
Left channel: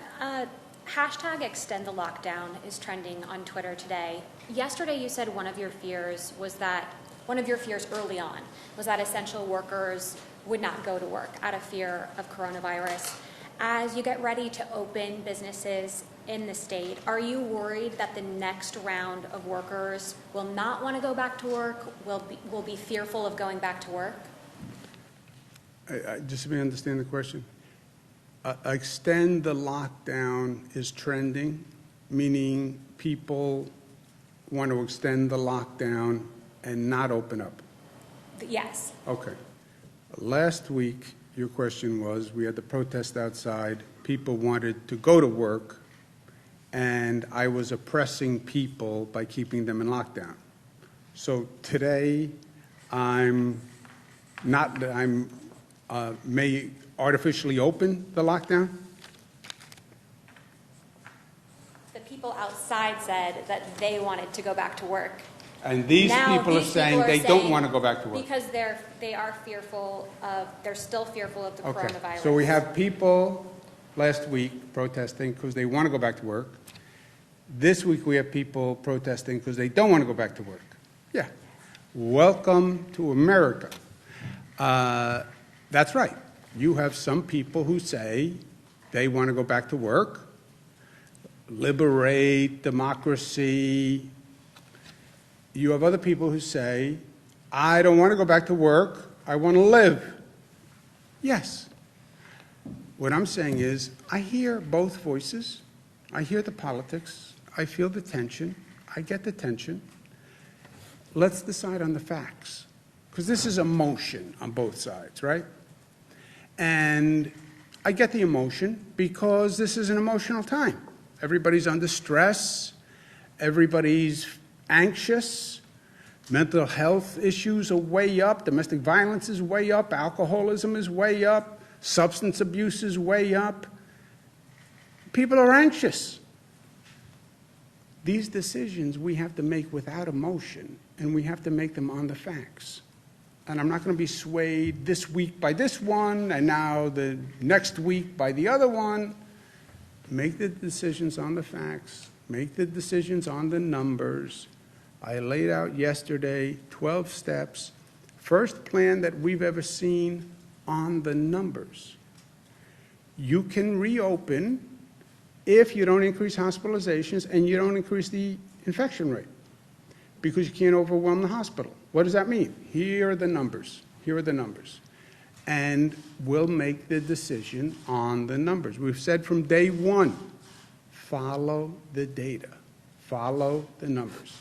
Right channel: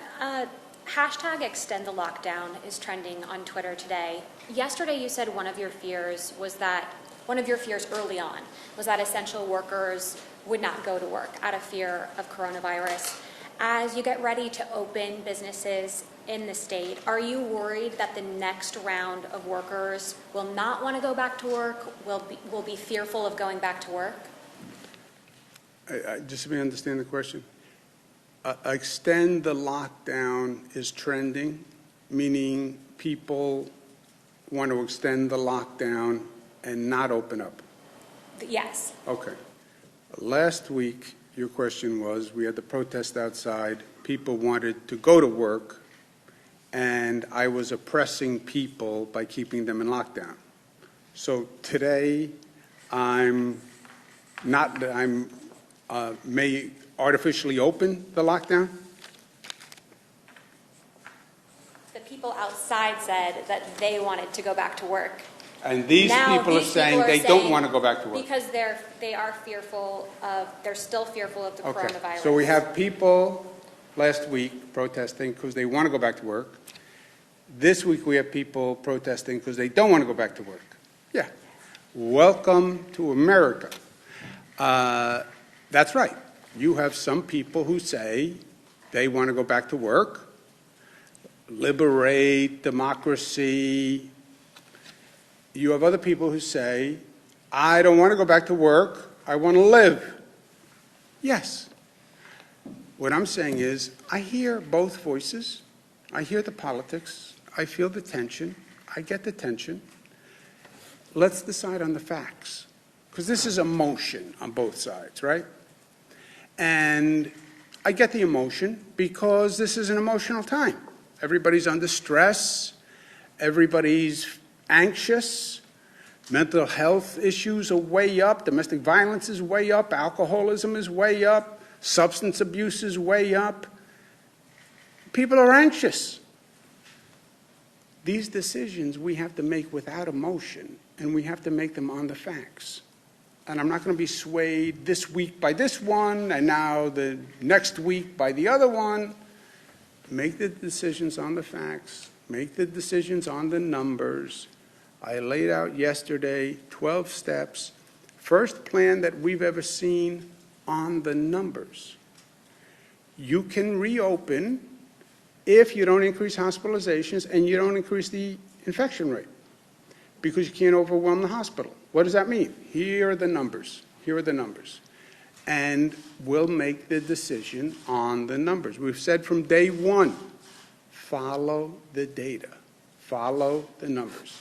hashtag extend the lockdown is trending on Twitter today. Yesterday you said one of your fears was that one of your fears early on was that essential workers would not go to work out of fear of coronavirus. As you get ready to open businesses in the state, are you worried that the next round of workers will not want to go back to work, will be fearful of going back to work? Just let me understand the question. Extend the lockdown is trending, meaning people want to extend the lockdown and not open up. Yes. Okay. Last week, your question was, we had the protest outside, people wanted to go to work, and I was oppressing people by keeping them in lockdown. So today, may artificially open the lockdown? The people outside said that they wanted to go back to work. And these Now, people are these saying people are they don't saying want to go back to work. Because they're still fearful of the Okay, coronavirus. so we have people last week protesting because they want to go back to work. This week we have people protesting because they don't want to go back to work. Yeah. Welcome to America. That's right. You have some people who say they want to go back to work, liberate democracy. You have other people who say, I don't want to go back to work, I want to live. Yes. What I'm saying is, I hear both voices. I hear the politics. I feel the tension. I get the tension. Let's decide on the facts. Because this is emotion on both sides, right? And I get the emotion because this is an emotional time. Everybody's under stress. Everybody's anxious. Mental health issues are way up. Domestic violence is way up. Alcoholism is way up. Substance abuse is way up. People are anxious. These decisions we have to make without emotion, and we have to make them on the facts. And I'm not going to be swayed this week by this one, and now the next week by the other one. Make the decisions on the facts. Make the decisions on the numbers. I laid out yesterday 12 steps. First plan that we've ever seen on the numbers. You can reopen if you don't increase hospitalizations and you don't increase the infection rate, because you can't overwhelm the hospital. What does that mean? Here are the numbers. Here are the numbers. And we'll make the decision on the numbers. We've said from day one, follow the data. Follow the numbers.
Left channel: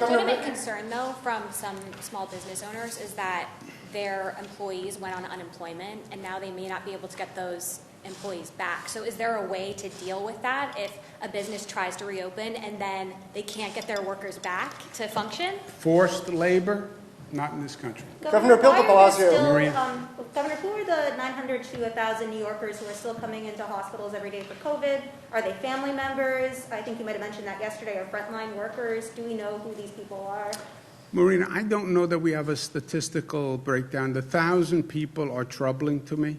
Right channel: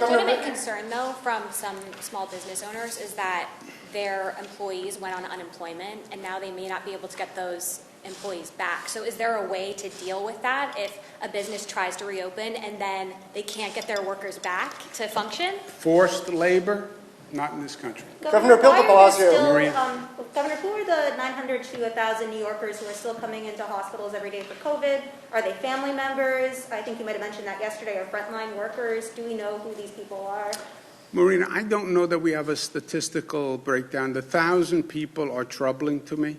Legitimate concern, though, from some small business owners is that their employees went on unemployment, and now they may not be able to get those employees back. So is there a way to deal with that if a business tries to reopen and then they can't get their workers back to function? Forced labor, not in this country. Governor Bill de Blasio. Maria. Governor, who are the 900 to 1,000 New Yorkers who are still coming into hospitals every day for COVID? Are they family members? I think you might have mentioned that yesterday. Or frontline workers? Do we know who these people are? Marina, I don't know that we have a statistical breakdown. The 1,000 people are troubling to me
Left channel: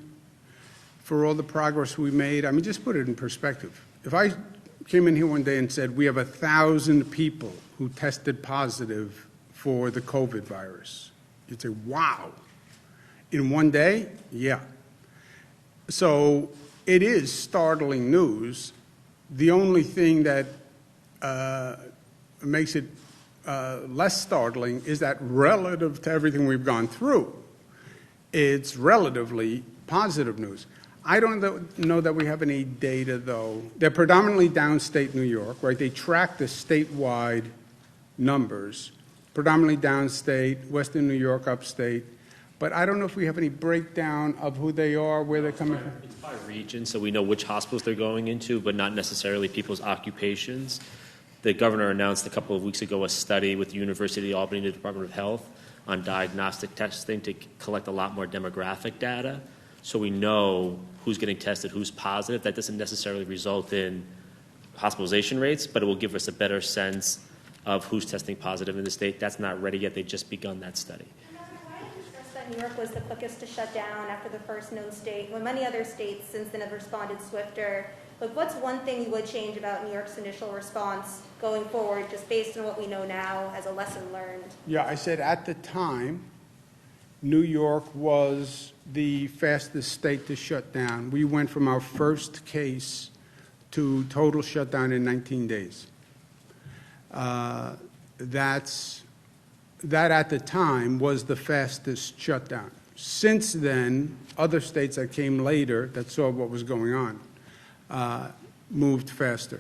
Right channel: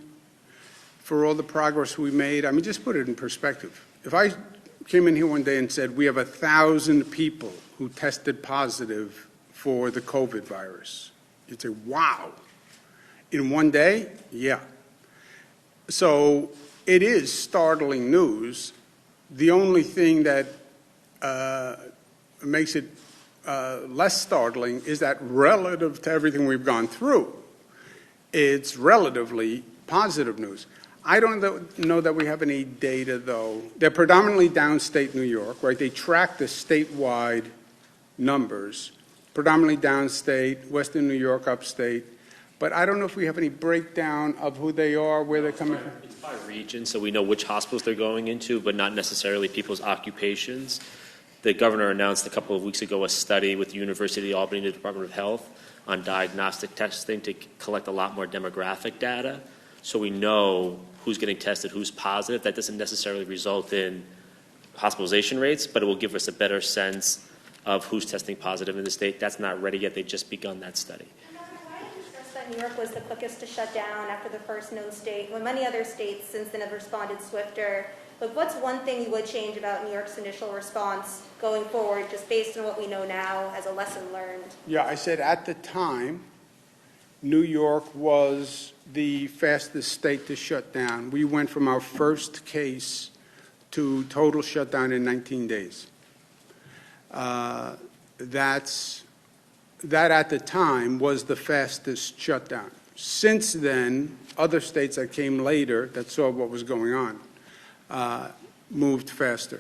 for all the progress we made. I mean, just put it in perspective. If I came in here one day and said we have 1,000 people who tested positive for the COVID virus, you'd say, wow. In one day? Yeah. So it is startling news. The only thing that makes it less startling is that relative to everything we've gone through, it's relatively positive news. I don't know that we have any data, though. They're predominantly downstate New York, right? They track the statewide numbers, predominantly downstate, western New York, upstate. But I don't know if we have any breakdown of who they are, where they're coming from. It's by region, so we know which hospitals they're going into, but not necessarily people's occupations. The governor announced a couple of weeks ago a study with the University of Albany and the Department of Health on diagnostic testing to collect a lot more demographic data, so we know who's getting tested, who's positive. That doesn't necessarily result in hospitalization rates, but it will give us a better sense of who's testing positive in the state. That's not ready yet. They've just begun that study. Why did you stress that New York was the quickest to shut down after the first known state, when many other states since then have responded swifter? But what's one thing you would change about New York's initial response going forward, just based on what we know now as a lesson learned? Yeah, I said at the time, New York was the fastest state to shut down. We went from our first case to total shutdown in 19 days. That at the time was the fastest shutdown. Since then, other states that came later that saw what was going on moved faster.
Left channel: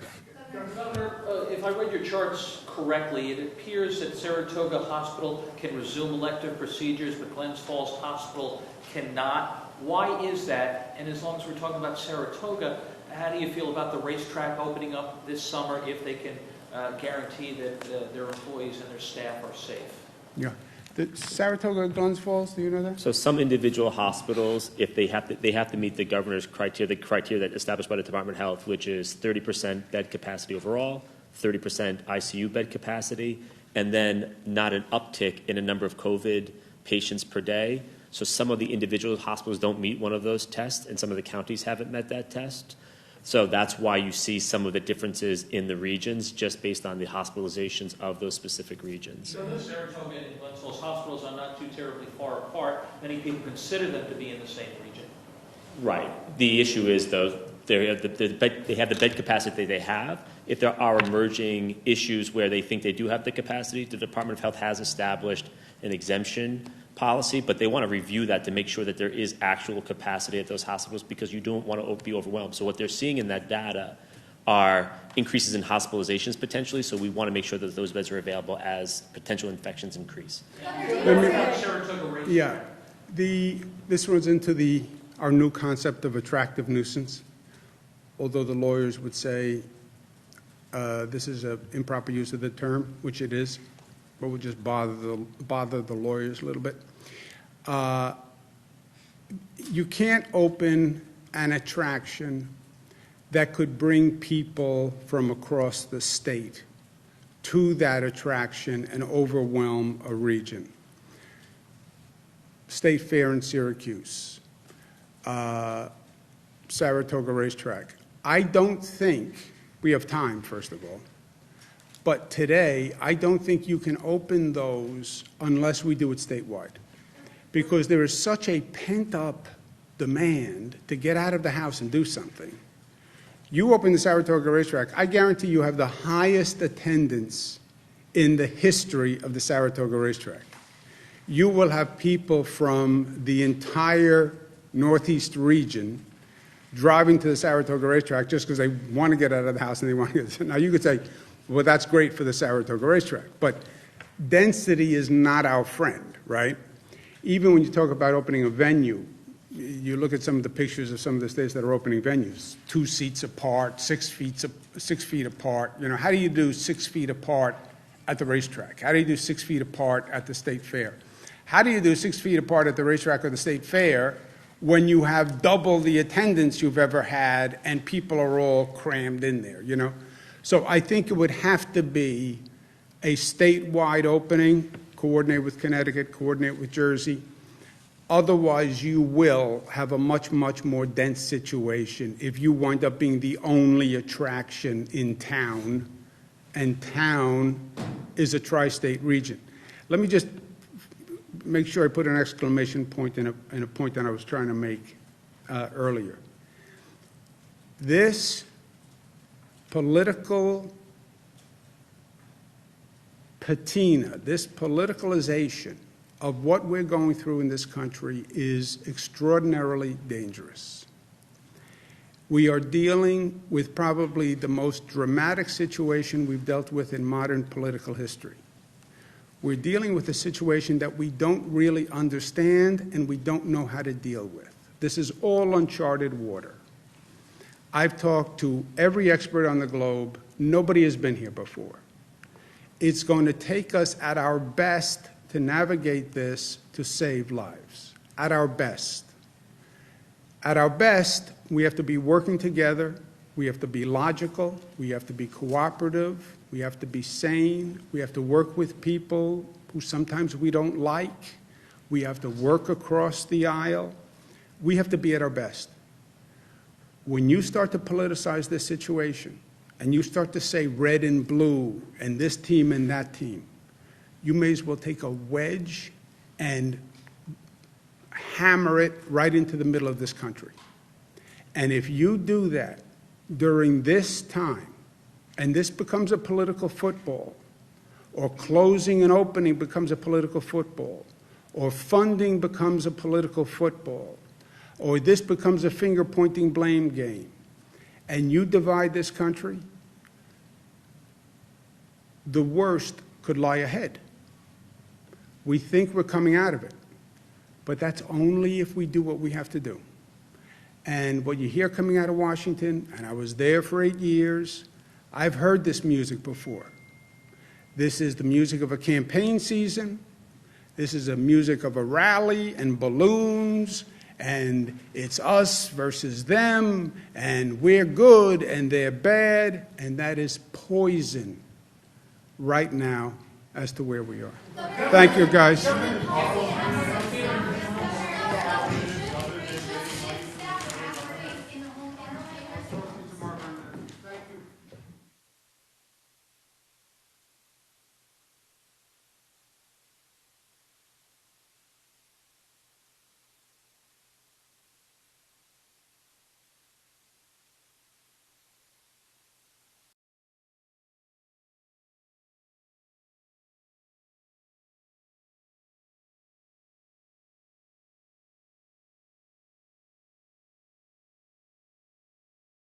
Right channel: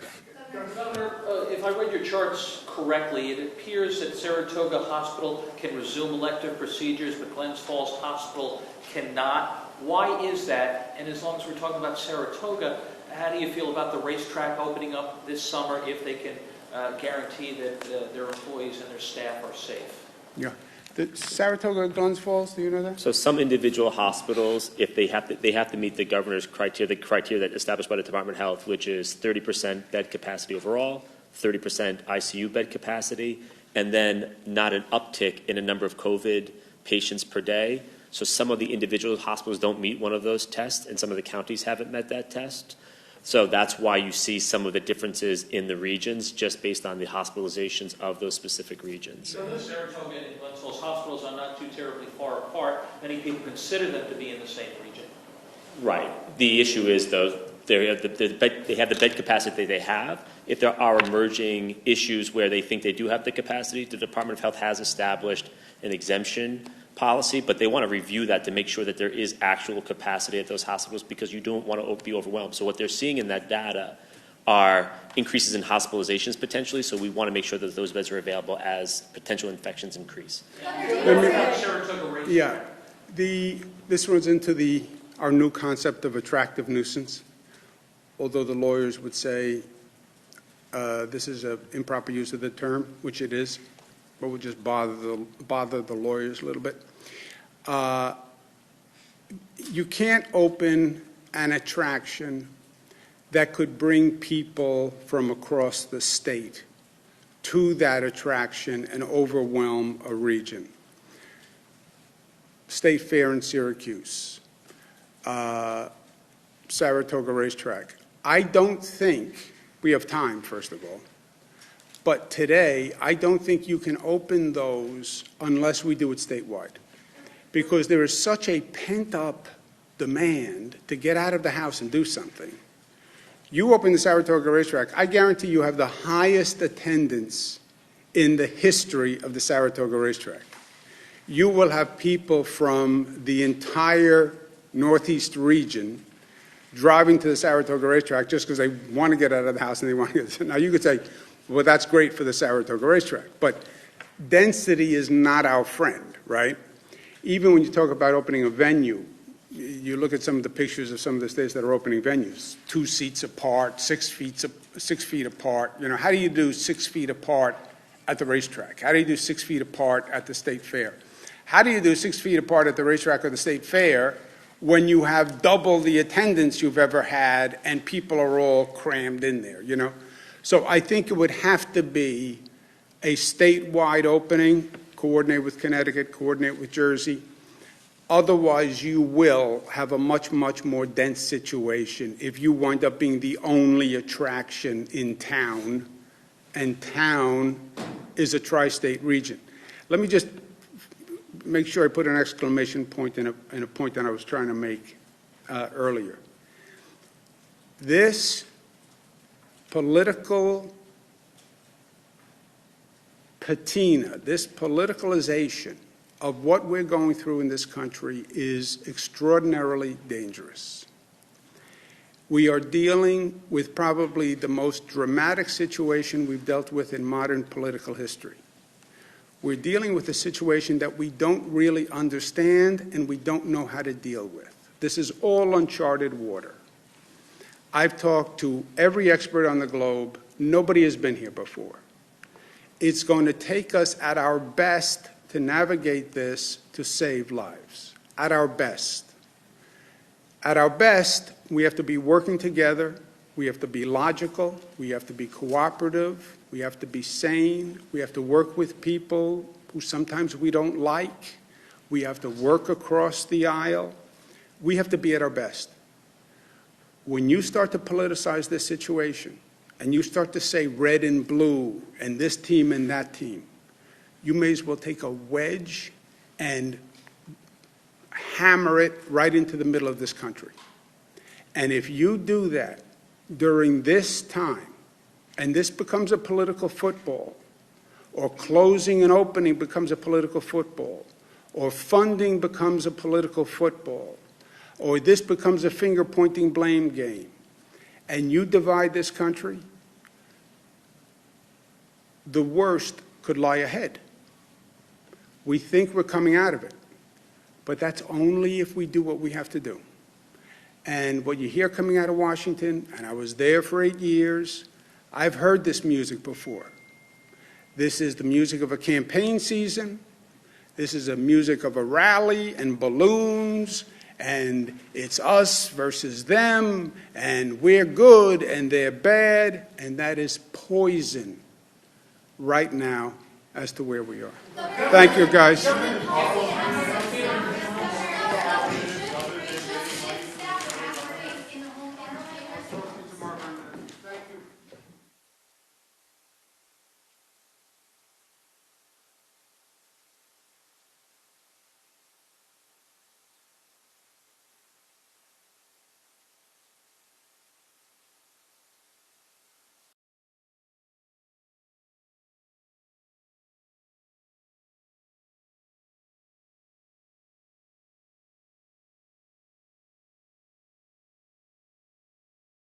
Governor, if I read your charts correctly, it appears that Saratoga Hospital can resume elective procedures, but Glens Falls Hospital cannot. Why is that? And as long as we're talking about Saratoga, how do you feel about the racetrack opening up this summer if they can guarantee that their employees and their staff are safe? Yeah. The Saratoga, Glens Falls, do you know that? So some individual hospitals, if they have to meet the governor's criteria, the criteria that established by the Department of Health, which is 30% bed capacity overall, 30% ICU bed capacity, and then not an uptick in a number of COVID patients per day. So some of the individual hospitals don't meet one of those tests, and some of the counties haven't met that test. So that's why you see some of the differences in the regions, just based on the hospitalizations of those specific regions. So the Saratoga and Glens Falls hospitals are not too terribly far apart. Many people consider them to be in the same region. Right. The issue is, though, they have the bed capacity they have. If there are emerging issues where they think they do have the capacity, the Department of Health has established an exemption policy, but they want to review that to make sure that there is actual capacity at those hospitals, because you don't want to be overwhelmed. So what they're seeing in that data are increases in hospitalizations potentially, so we want to make sure that those beds are available as potential infections increase. Yeah. This runs into our new concept of attractive nuisance, although the lawyers would say this is an improper use of the term, which it is, but we'll just bother the lawyers a little bit. You can't open an attraction that could bring people from across the state to that attraction and overwhelm a region. State Fair in Syracuse, Saratoga Racetrack. I don't think we have time, first of all. But today, I don't think you can open those unless we do it statewide, because there is such a pent-up demand to get out of the house and do something. You open the Saratoga Racetrack, I guarantee you have the highest attendance in the history of the Saratoga Racetrack. You will have people from the entire Northeast region driving to the Saratoga Racetrack just because they want to get out of the house and they want to get. Now, you could say, well, that's great for the Saratoga Racetrack, but density is not our friend, right? Even when you talk about opening a venue, you look at some of the pictures of some of the states that are opening venues, 2 seats apart, 6 feet apart. You know, how do you do 6 feet apart at the racetrack? How do you do 6 feet apart at the state fair? How do you do 6 feet apart at the racetrack or the state fair when you have double the attendance you've ever had and people are all crammed in there, you know? So I think it would have to be a statewide opening, coordinate with Connecticut, coordinate with Jersey. Otherwise, you will have a much, much more dense situation if you wind up being the only attraction in town, and town is a tri-state region. Let me just make sure I put an exclamation point in a point that I was trying to make earlier. This political patina, this politicalization of what we're going through in this country is extraordinarily dangerous. We are dealing with probably the most dramatic situation we've dealt with in modern political history. We're dealing with a situation that we don't really understand and we don't know how to deal with. This is all uncharted water. I've talked to every expert on the globe. Nobody has been here before. It's going to take us at our best to navigate this to save lives. At our best. At our best, we have to be working together. We have to be logical. We have to be cooperative. We have to be sane. We have to work with people who sometimes we don't like. We have to work across the aisle. We have to be at our best. when you start to politicize this situation and you start to say red and blue and this team and that team, you may as well take a wedge and hammer it right into the middle of this country. And if you do that during this time, and this becomes a political football, or closing and opening becomes a political football, or funding becomes a political football, or this becomes a finger-pointing blame game, and you divide this country, the worst could lie ahead. We think we're coming out of it, but that's only if we do what we have to do. And what you hear coming out of Washington, and I was there for 8 years, I've heard this music before. This is the music of a campaign season. This is the music of a rally and balloons, and it's us versus them, and we're good and they're bad, and that is poison right now as to where we are. Thank you, guys.